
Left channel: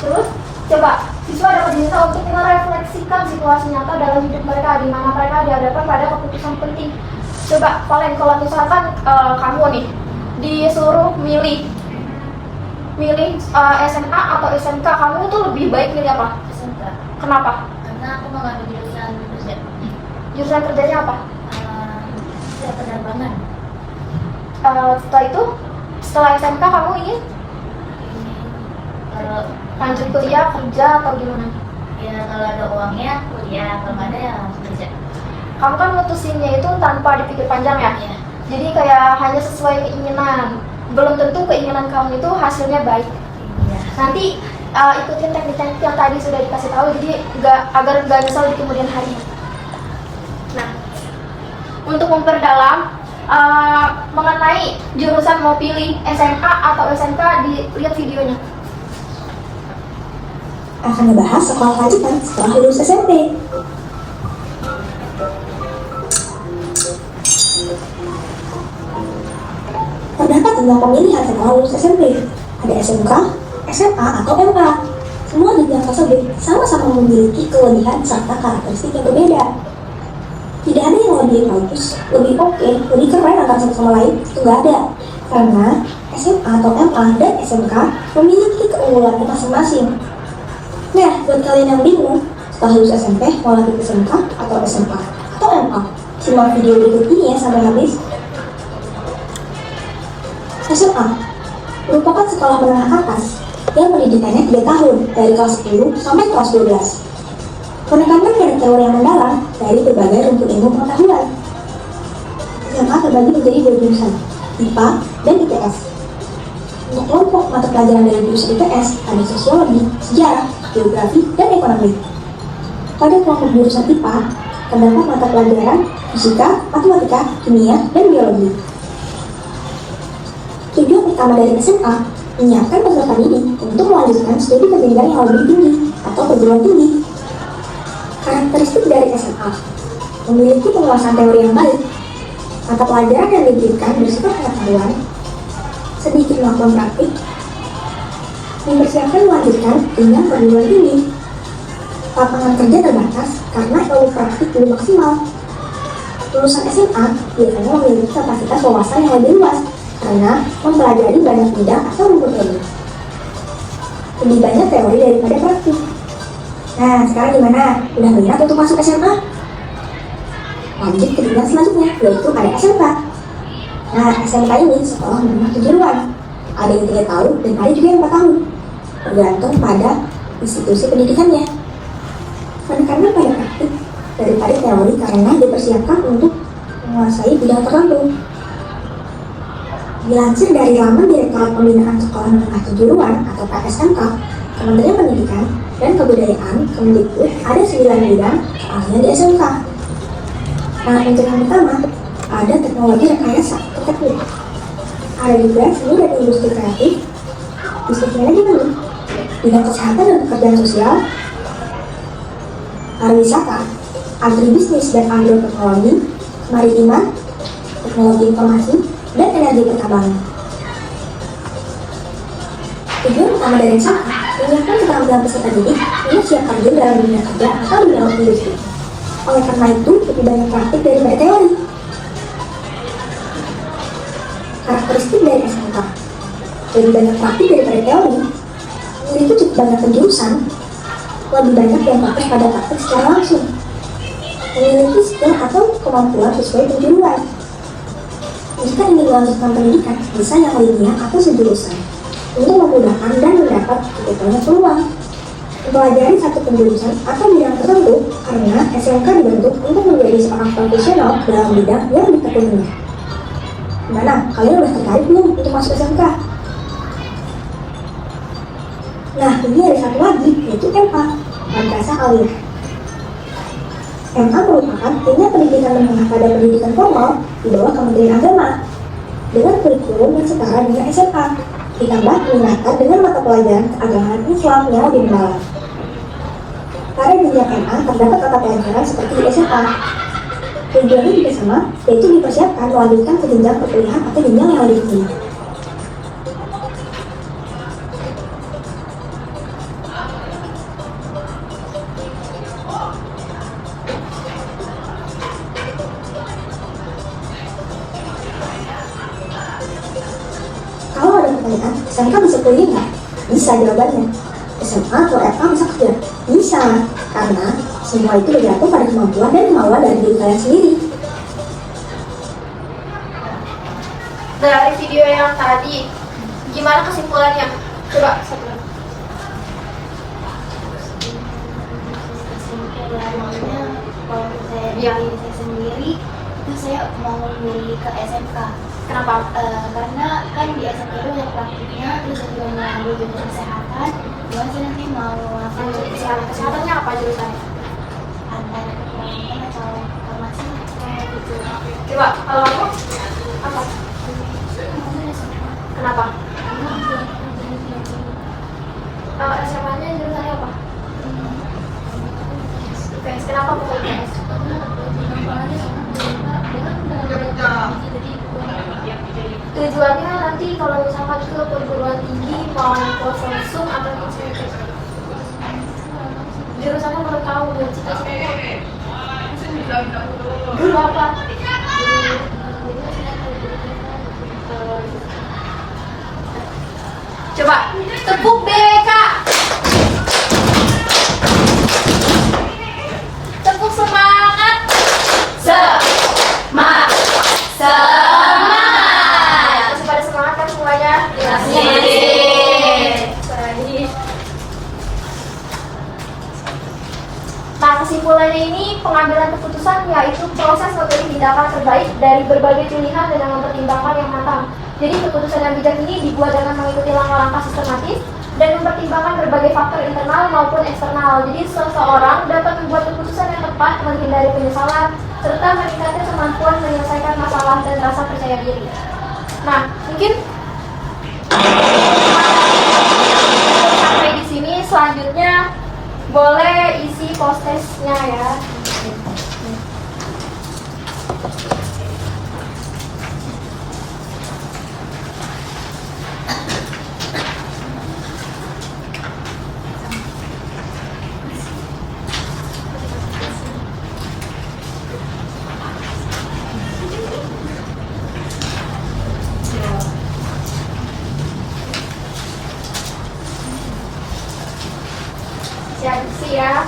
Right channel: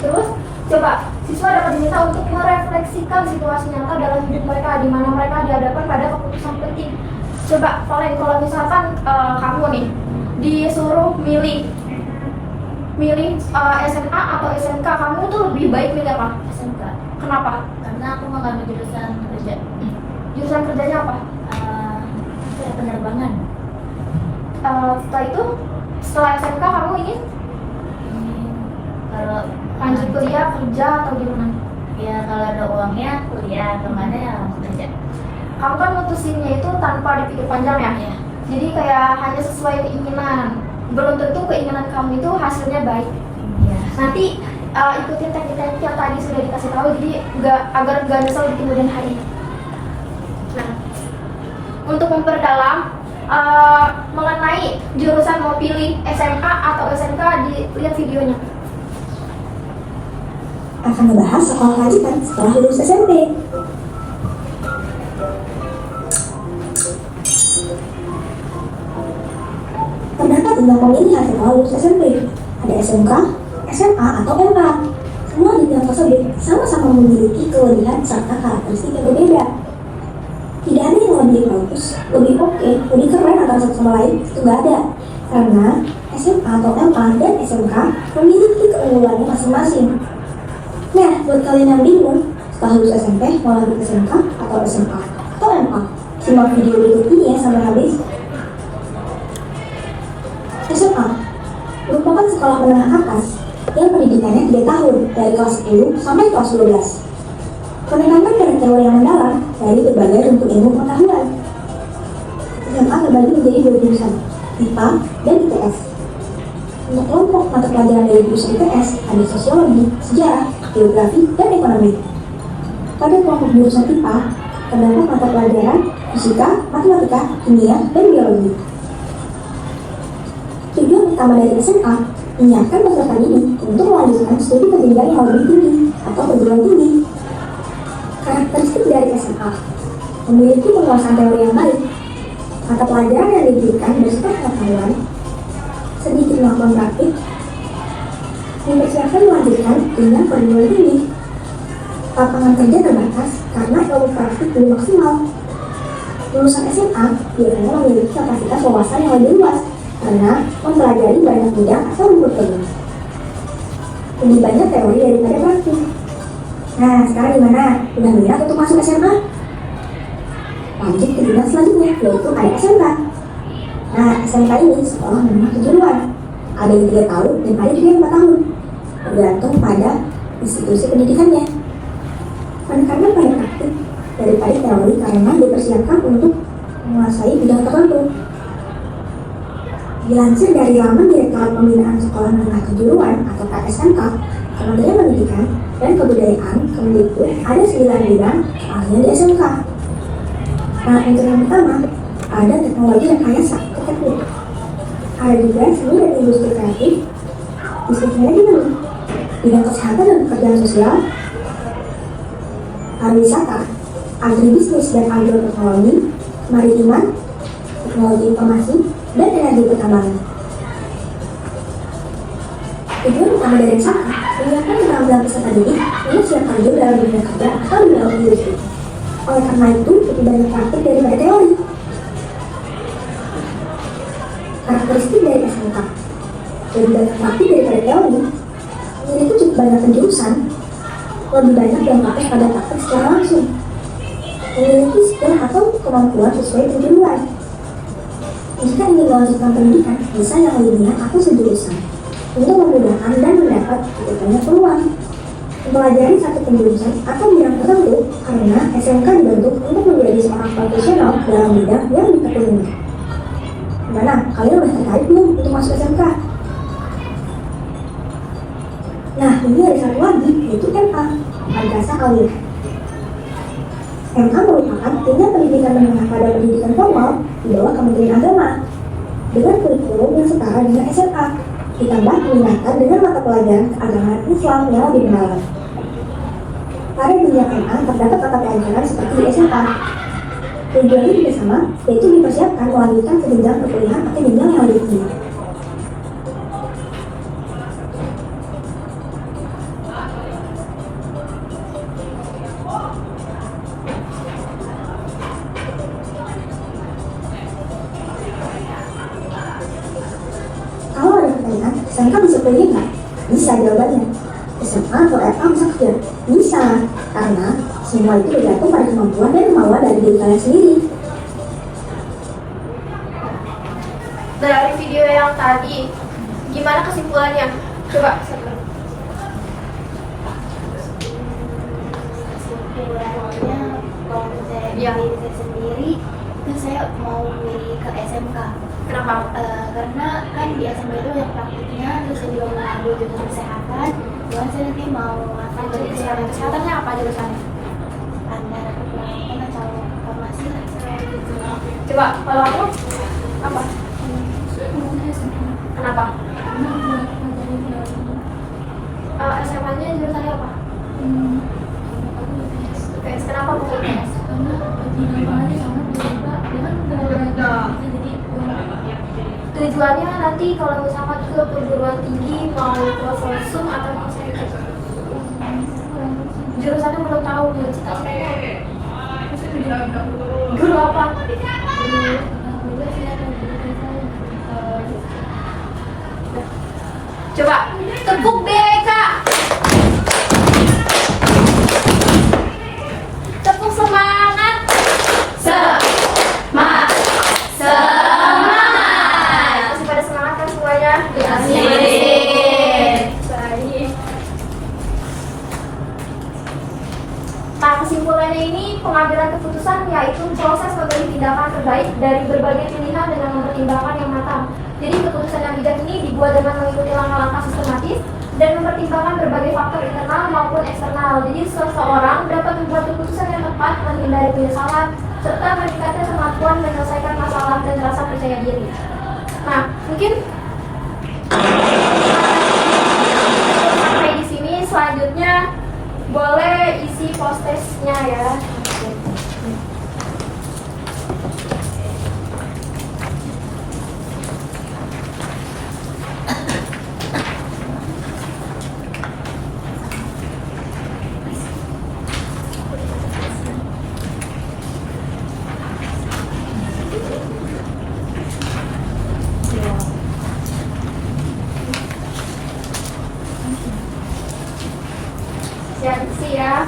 Terus coba siswa dapat diminta untuk merefleksikan situasi nyata dalam hidup mereka di mana mereka dihadapkan pada keputusan penting. Coba Valen, kalau misalkan kamu nih disuruh milih SMA atau SMK, kamu tuh lebih baik milih apa? SMK. Kenapa? Karena aku mau ngambil jurusan kerja. Jurusan kerjanya apa? Penerbangan. Setelah SMK kamu ingin Kalau lanjut kuliah, kerja atau gimana? ya kalau ada uangnya kuliah, kalau nggak ada ya langsung kerja. Kamu kan mutusinnya itu tanpa dipikir panjang ya? Iya. Jadi kayak hanya sesuai keinginan. Belum tentu keinginan kamu itu hasilnya baik. Iya. Nanti ikutin teknik-teknik yang tadi sudah dikasih tahu, jadi agar nggak nyesel di kemudian hari. Nah, untuk memperdalam mengenai jurusan mau pilih SMA atau SMK, lihat videonya. Akan membahas sekolah lanjutan setelah lulus SMP. Terdapat 5 pemilihan setelah lulus SMP. Ada SMK, SMA, atau MK. Semua jenjang tersebut sama-sama memiliki kelebihan serta karakteristik yang berbeda. Tidak ada yang lebih bagus, lebih oke, lebih keren antara satu sama lain, itu nggak ada. Karena SMA atau MA dan SMK memiliki keunggulannya masing-masing. Nah, buat kalian yang bingung, setelah lulus SMP mau lanjut SMK atau SMK atau MA, simak video berikut ini ya sampai habis. SMA merupakan sekolah menengah atas yang pendidikannya 3 tahun, dari kelas 10 sampai kelas 12. Penekanan pada teori yang mendalam dari berbagai rumpun ilmu pengetahuan. SMA terbagi menjadi 2 jurusan, IPA dan IPS. Untuk kelompok mata pelajaran dari jurusan IPS ada sosiologi, sejarah, geografi, dan ekonomi. Pada kelompok jurusan IPA terdapat mata pelajaran fisika, matematika, kimia, dan biologi. Tujuan utama dari SMA menyiapkan peserta didik untuk melanjutkan studi ke jenjang yang lebih tinggi atau perguruan tinggi. Karakteristik dari SMA memiliki penguasaan teori yang baik, mata pelajaran yang diberikan bersifat pengetahuan, sedikit melakukan praktik, mempersiapkan melanjutkan jenjang perguruan tinggi. Lapangan kerja terbatas karena ilmu praktik belum maksimal. Lulusan SMA biasanya memiliki kapasitas wawasan yang lebih luas karena mempelajari banyak bidang atau rumpun ilmu. Lebih banyak teori daripada praktik. Nah, sekarang gimana? Udah minat untuk masuk SMA? Lanjut ke jenjang selanjutnya, yaitu ada SMK. Nah, SMK ini sekolah menengah kejuruan. Ada yang 3 tahun dan ada juga yang 4 tahun. Bergantung pada institusi pendidikannya. Penekanan pada praktik daripada teori karena dipersiapkan untuk menguasai bidang tertentu. Dilansir dari laman Direktorat Pembinaan Sekolah Menengah Kejuruan atau KSMK, Kementerian Pendidikan dan Kebudayaan Kemdikbud ada 9 bidang keahlian di SMK. Nah, untuk yang pertama ada teknologi rekayasa atau teknik. Ada juga seni dan industri kreatif, bisnis manajemen, bidang kesehatan dan pekerjaan sosial, pariwisata, agribisnis dan agroteknologi, kemaritiman, teknologi informasi, dan energi pertambangan. Tujuan utama dari SMK menyiapkan keterampilan peserta didik yang siap terjun dalam dunia kerja atau dunia industri. Oleh karena itu, lebih banyak praktik daripada teori. Karakteristik dari SMK lebih banyak praktik daripada teori. Memiliki cukup banyak penjurusan, lebih banyak yang fokus pada praktik secara langsung. Memiliki skill atau kemampuan sesuai kejuruan. Jika ingin melanjutkan pendidikan, bisa yang lainnya atau sejurusan untuk memudahkan dan mendapat banyak peluang. Mempelajari satu penjurusan atau bidang tertentu karena SMK dibentuk untuk menjadi seorang profesional dalam bidang yang ditekuninya. Gimana? Kalian udah tertarik belum untuk masuk SMK? Nah, ini ada satu lagi, yaitu MA, Madrasah Aliyah. MA merupakan Tindak Pendidikan Menengah pada Pendidikan Formal di bawah Kementerian Agama dengan kurikulum yang setara dengan SMA, ditambah diminati dengan mata pelajaran keagamaan Islam yang lebih mendalam. Pada jenjang MA terdapat mata pelajaran seperti di SMA. Tujuannya juga sama, yaitu dipersiapkan melanjutkan ke jenjang perkuliahan atau jenjang yang lebih tinggi. Kalau ada pertanyaan, SMK bisa kuliah nggak? Bisa jawabannya. SMA atau FA bisa tidak? Bisa, karena semua itu bergantung pada kemampuan dan kemauan dari diri kalian sendiri. Dari video yang tadi, gimana kesimpulannya? Coba satu. Kesimpulannya kalau saya Iya. diri saya sendiri itu saya mau milih ke SMK. Kenapa? Karena kan di SMK itu banyak praktiknya, terus saya juga mengambil jurusan kesehatan. Dan saya nanti mau menguasai Jadi kesehatannya apa jurusannya? antara keperawatan atau farmasi kayak gitu. Coba kalau aku apa? Kenapa? SMA-nya jurusannya apa? IPS. Kenapa bukan IPS? Tujuannya nanti kalau misalkan ke perguruan tinggi mau kelas langsung atau langsung jurusannya belum tahu belum. Guru apa? Coba tepuk BK. Tepuk semangat. Semangat. Semangat. Masih pada semangat kan semuanya? Baik. Nah, kesimpulannya ini pengambilan keputusan yaitu proses memilih tindakan terbaik dari berbagai pilihan dengan mempertimbangkan yang matang. Jadi keputusan yang bijak ini dibuat dengan mengikuti langkah-langkah sistematis dan mempertimbangkan berbagai faktor internal maupun eksternal. Jadi seseorang dapat membuat keputusan yang tepat, menghindari penyesalan, serta meningkatkan kemampuan menyelesaikan masalah dan rasa percaya diri. Nah, mungkin sampai di sini. Selanjutnya boleh isi post testnya ya. Siap isi ya.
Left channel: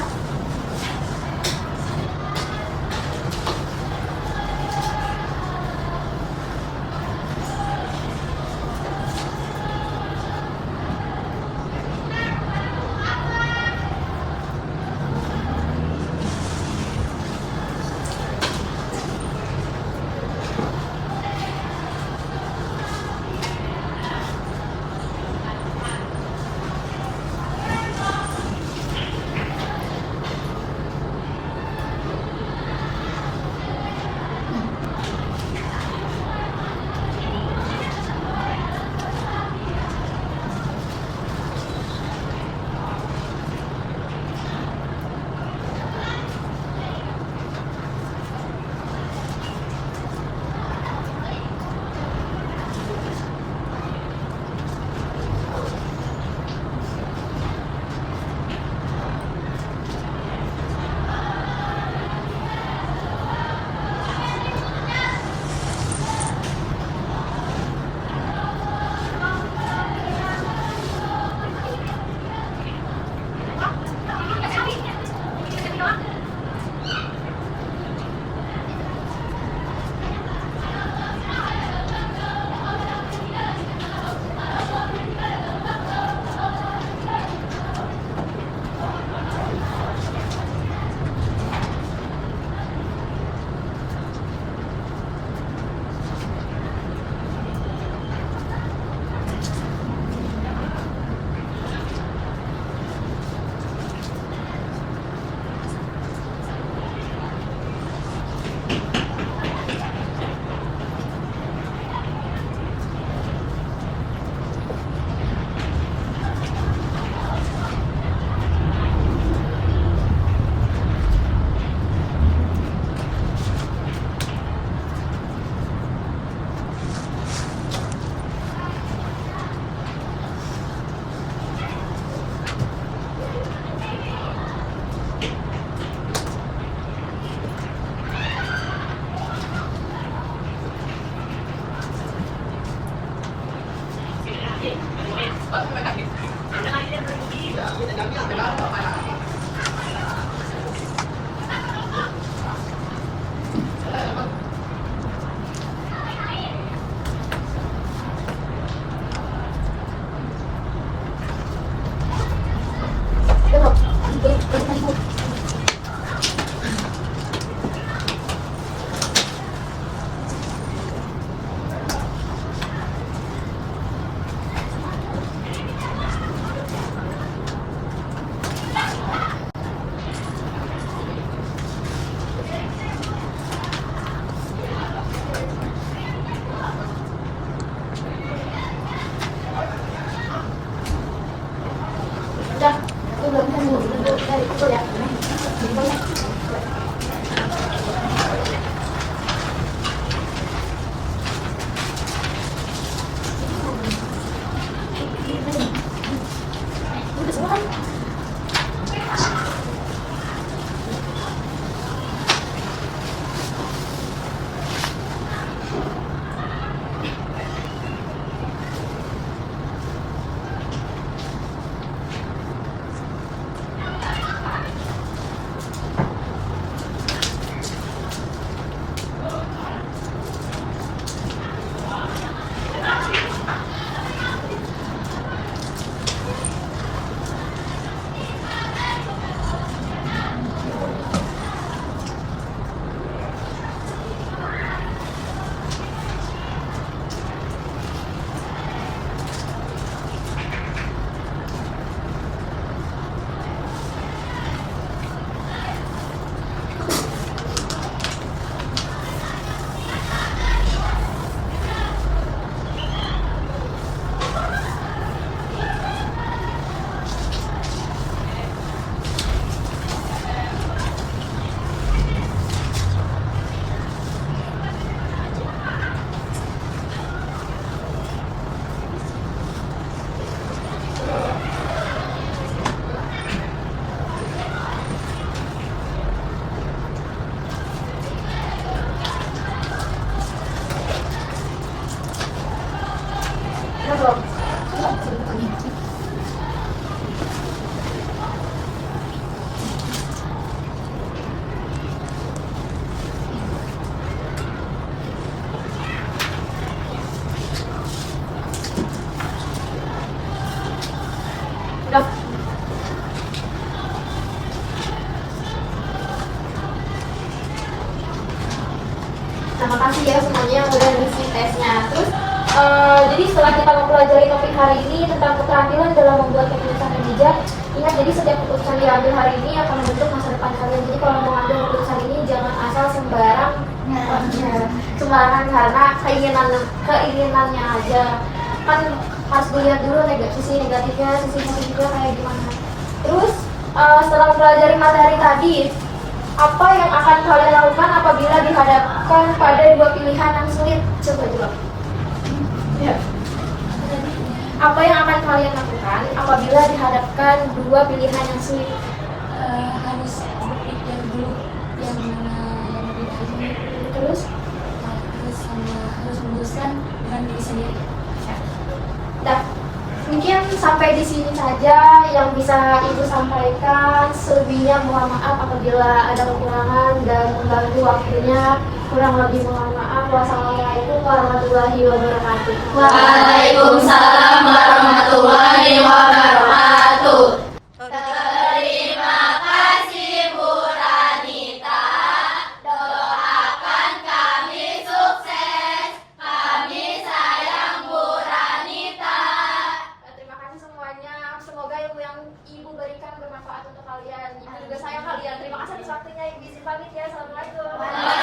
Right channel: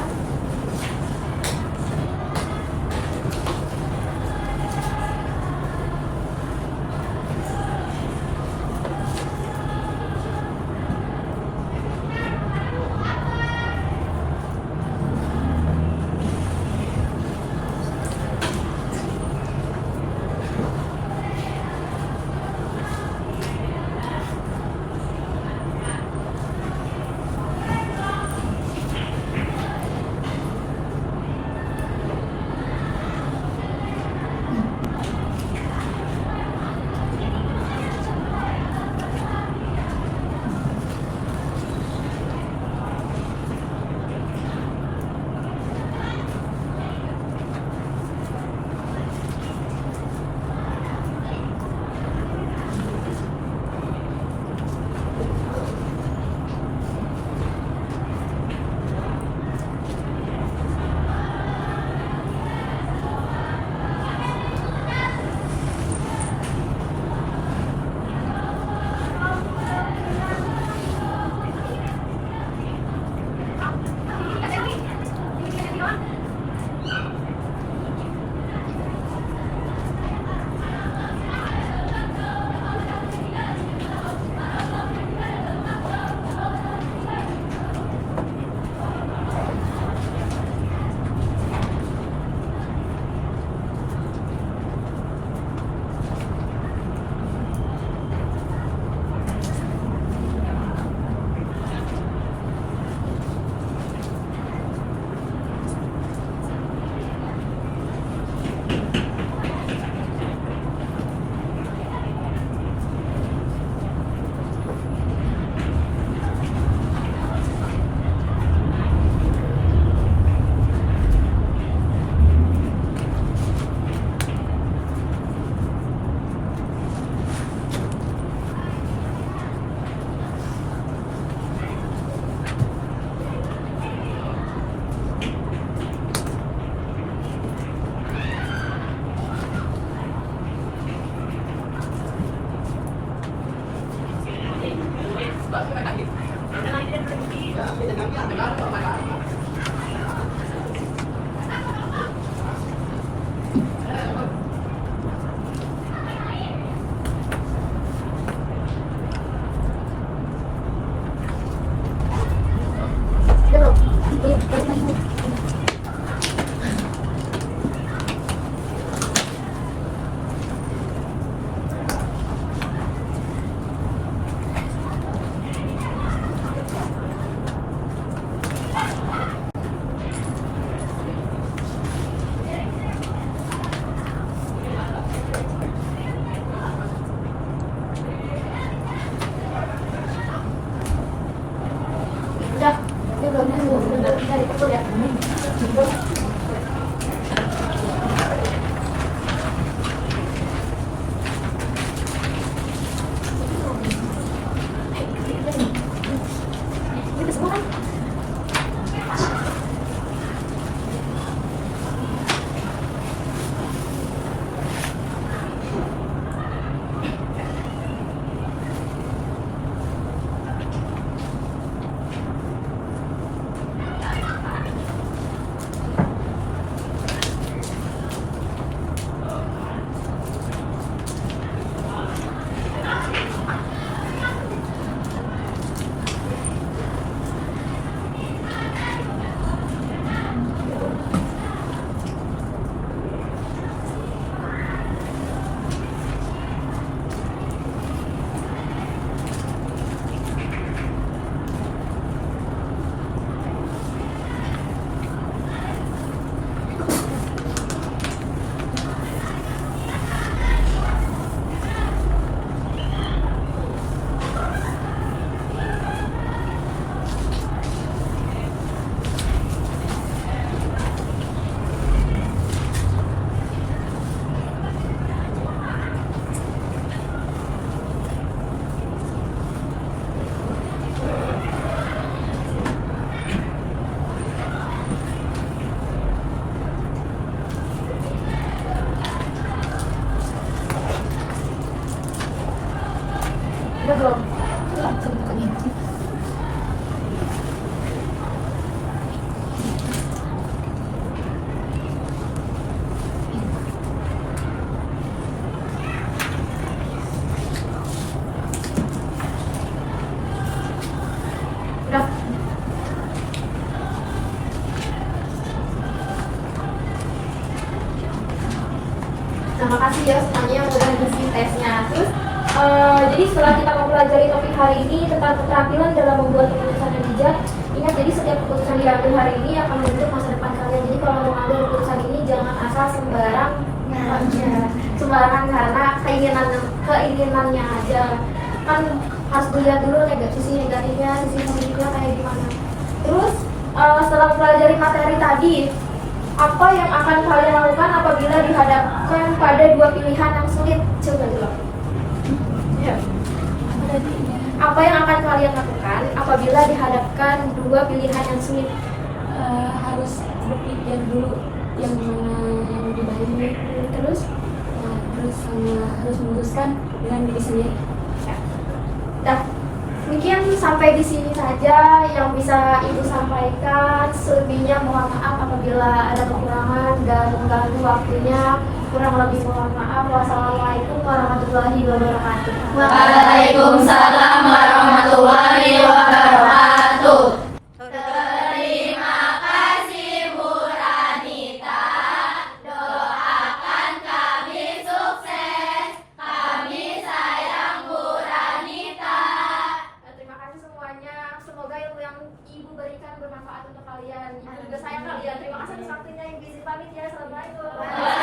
belum? Udah. Terima kasih ya semuanya yang udah ngisi tesnya. Terus jadi setelah kita mempelajari topik hari ini tentang keterampilan dalam membuat keputusan yang bijak, ingat jadi setiap keputusan yang diambil hari ini akan membentuk masa depan kalian. Jadi kalau mengambil keputusan ini jangan asal sembarangan karena keinginannya aja. Kan harus dilihat dulu sisi negatifnya, sisi positifnya kayak gimana. Terus setelah mempelajari materi tadi, apa yang akan kalian lakukan apabila dihadapkan pada dua pilihan yang sulit? Coba jawab. Ya. Apa yang akan kalian lakukan apabila dihadapkan dua pilihan yang sulit? Harus berpikir dulu yang mana yang lebih baik. Terus? Harus memutuskan dengan diri sendiri. Dah, mungkin sampai di sini saja yang bisa Ibu sampaikan. Selebihnya mohon maaf apabila ada kekurangan dan mengganggu waktunya. Kurang lebih mohon maaf. Wassalamualaikum warahmatullahi wabarakatuh. Waalaikumsalam warahmatullahi wabarakatuh. Terima kasih semuanya. Semoga ilmu yang Ibu berikan bermanfaat untuk kalian. Ibu juga sayang kalian. Terima kasih atas waktunya. Ibu izin pamit ya. Assalamualaikum.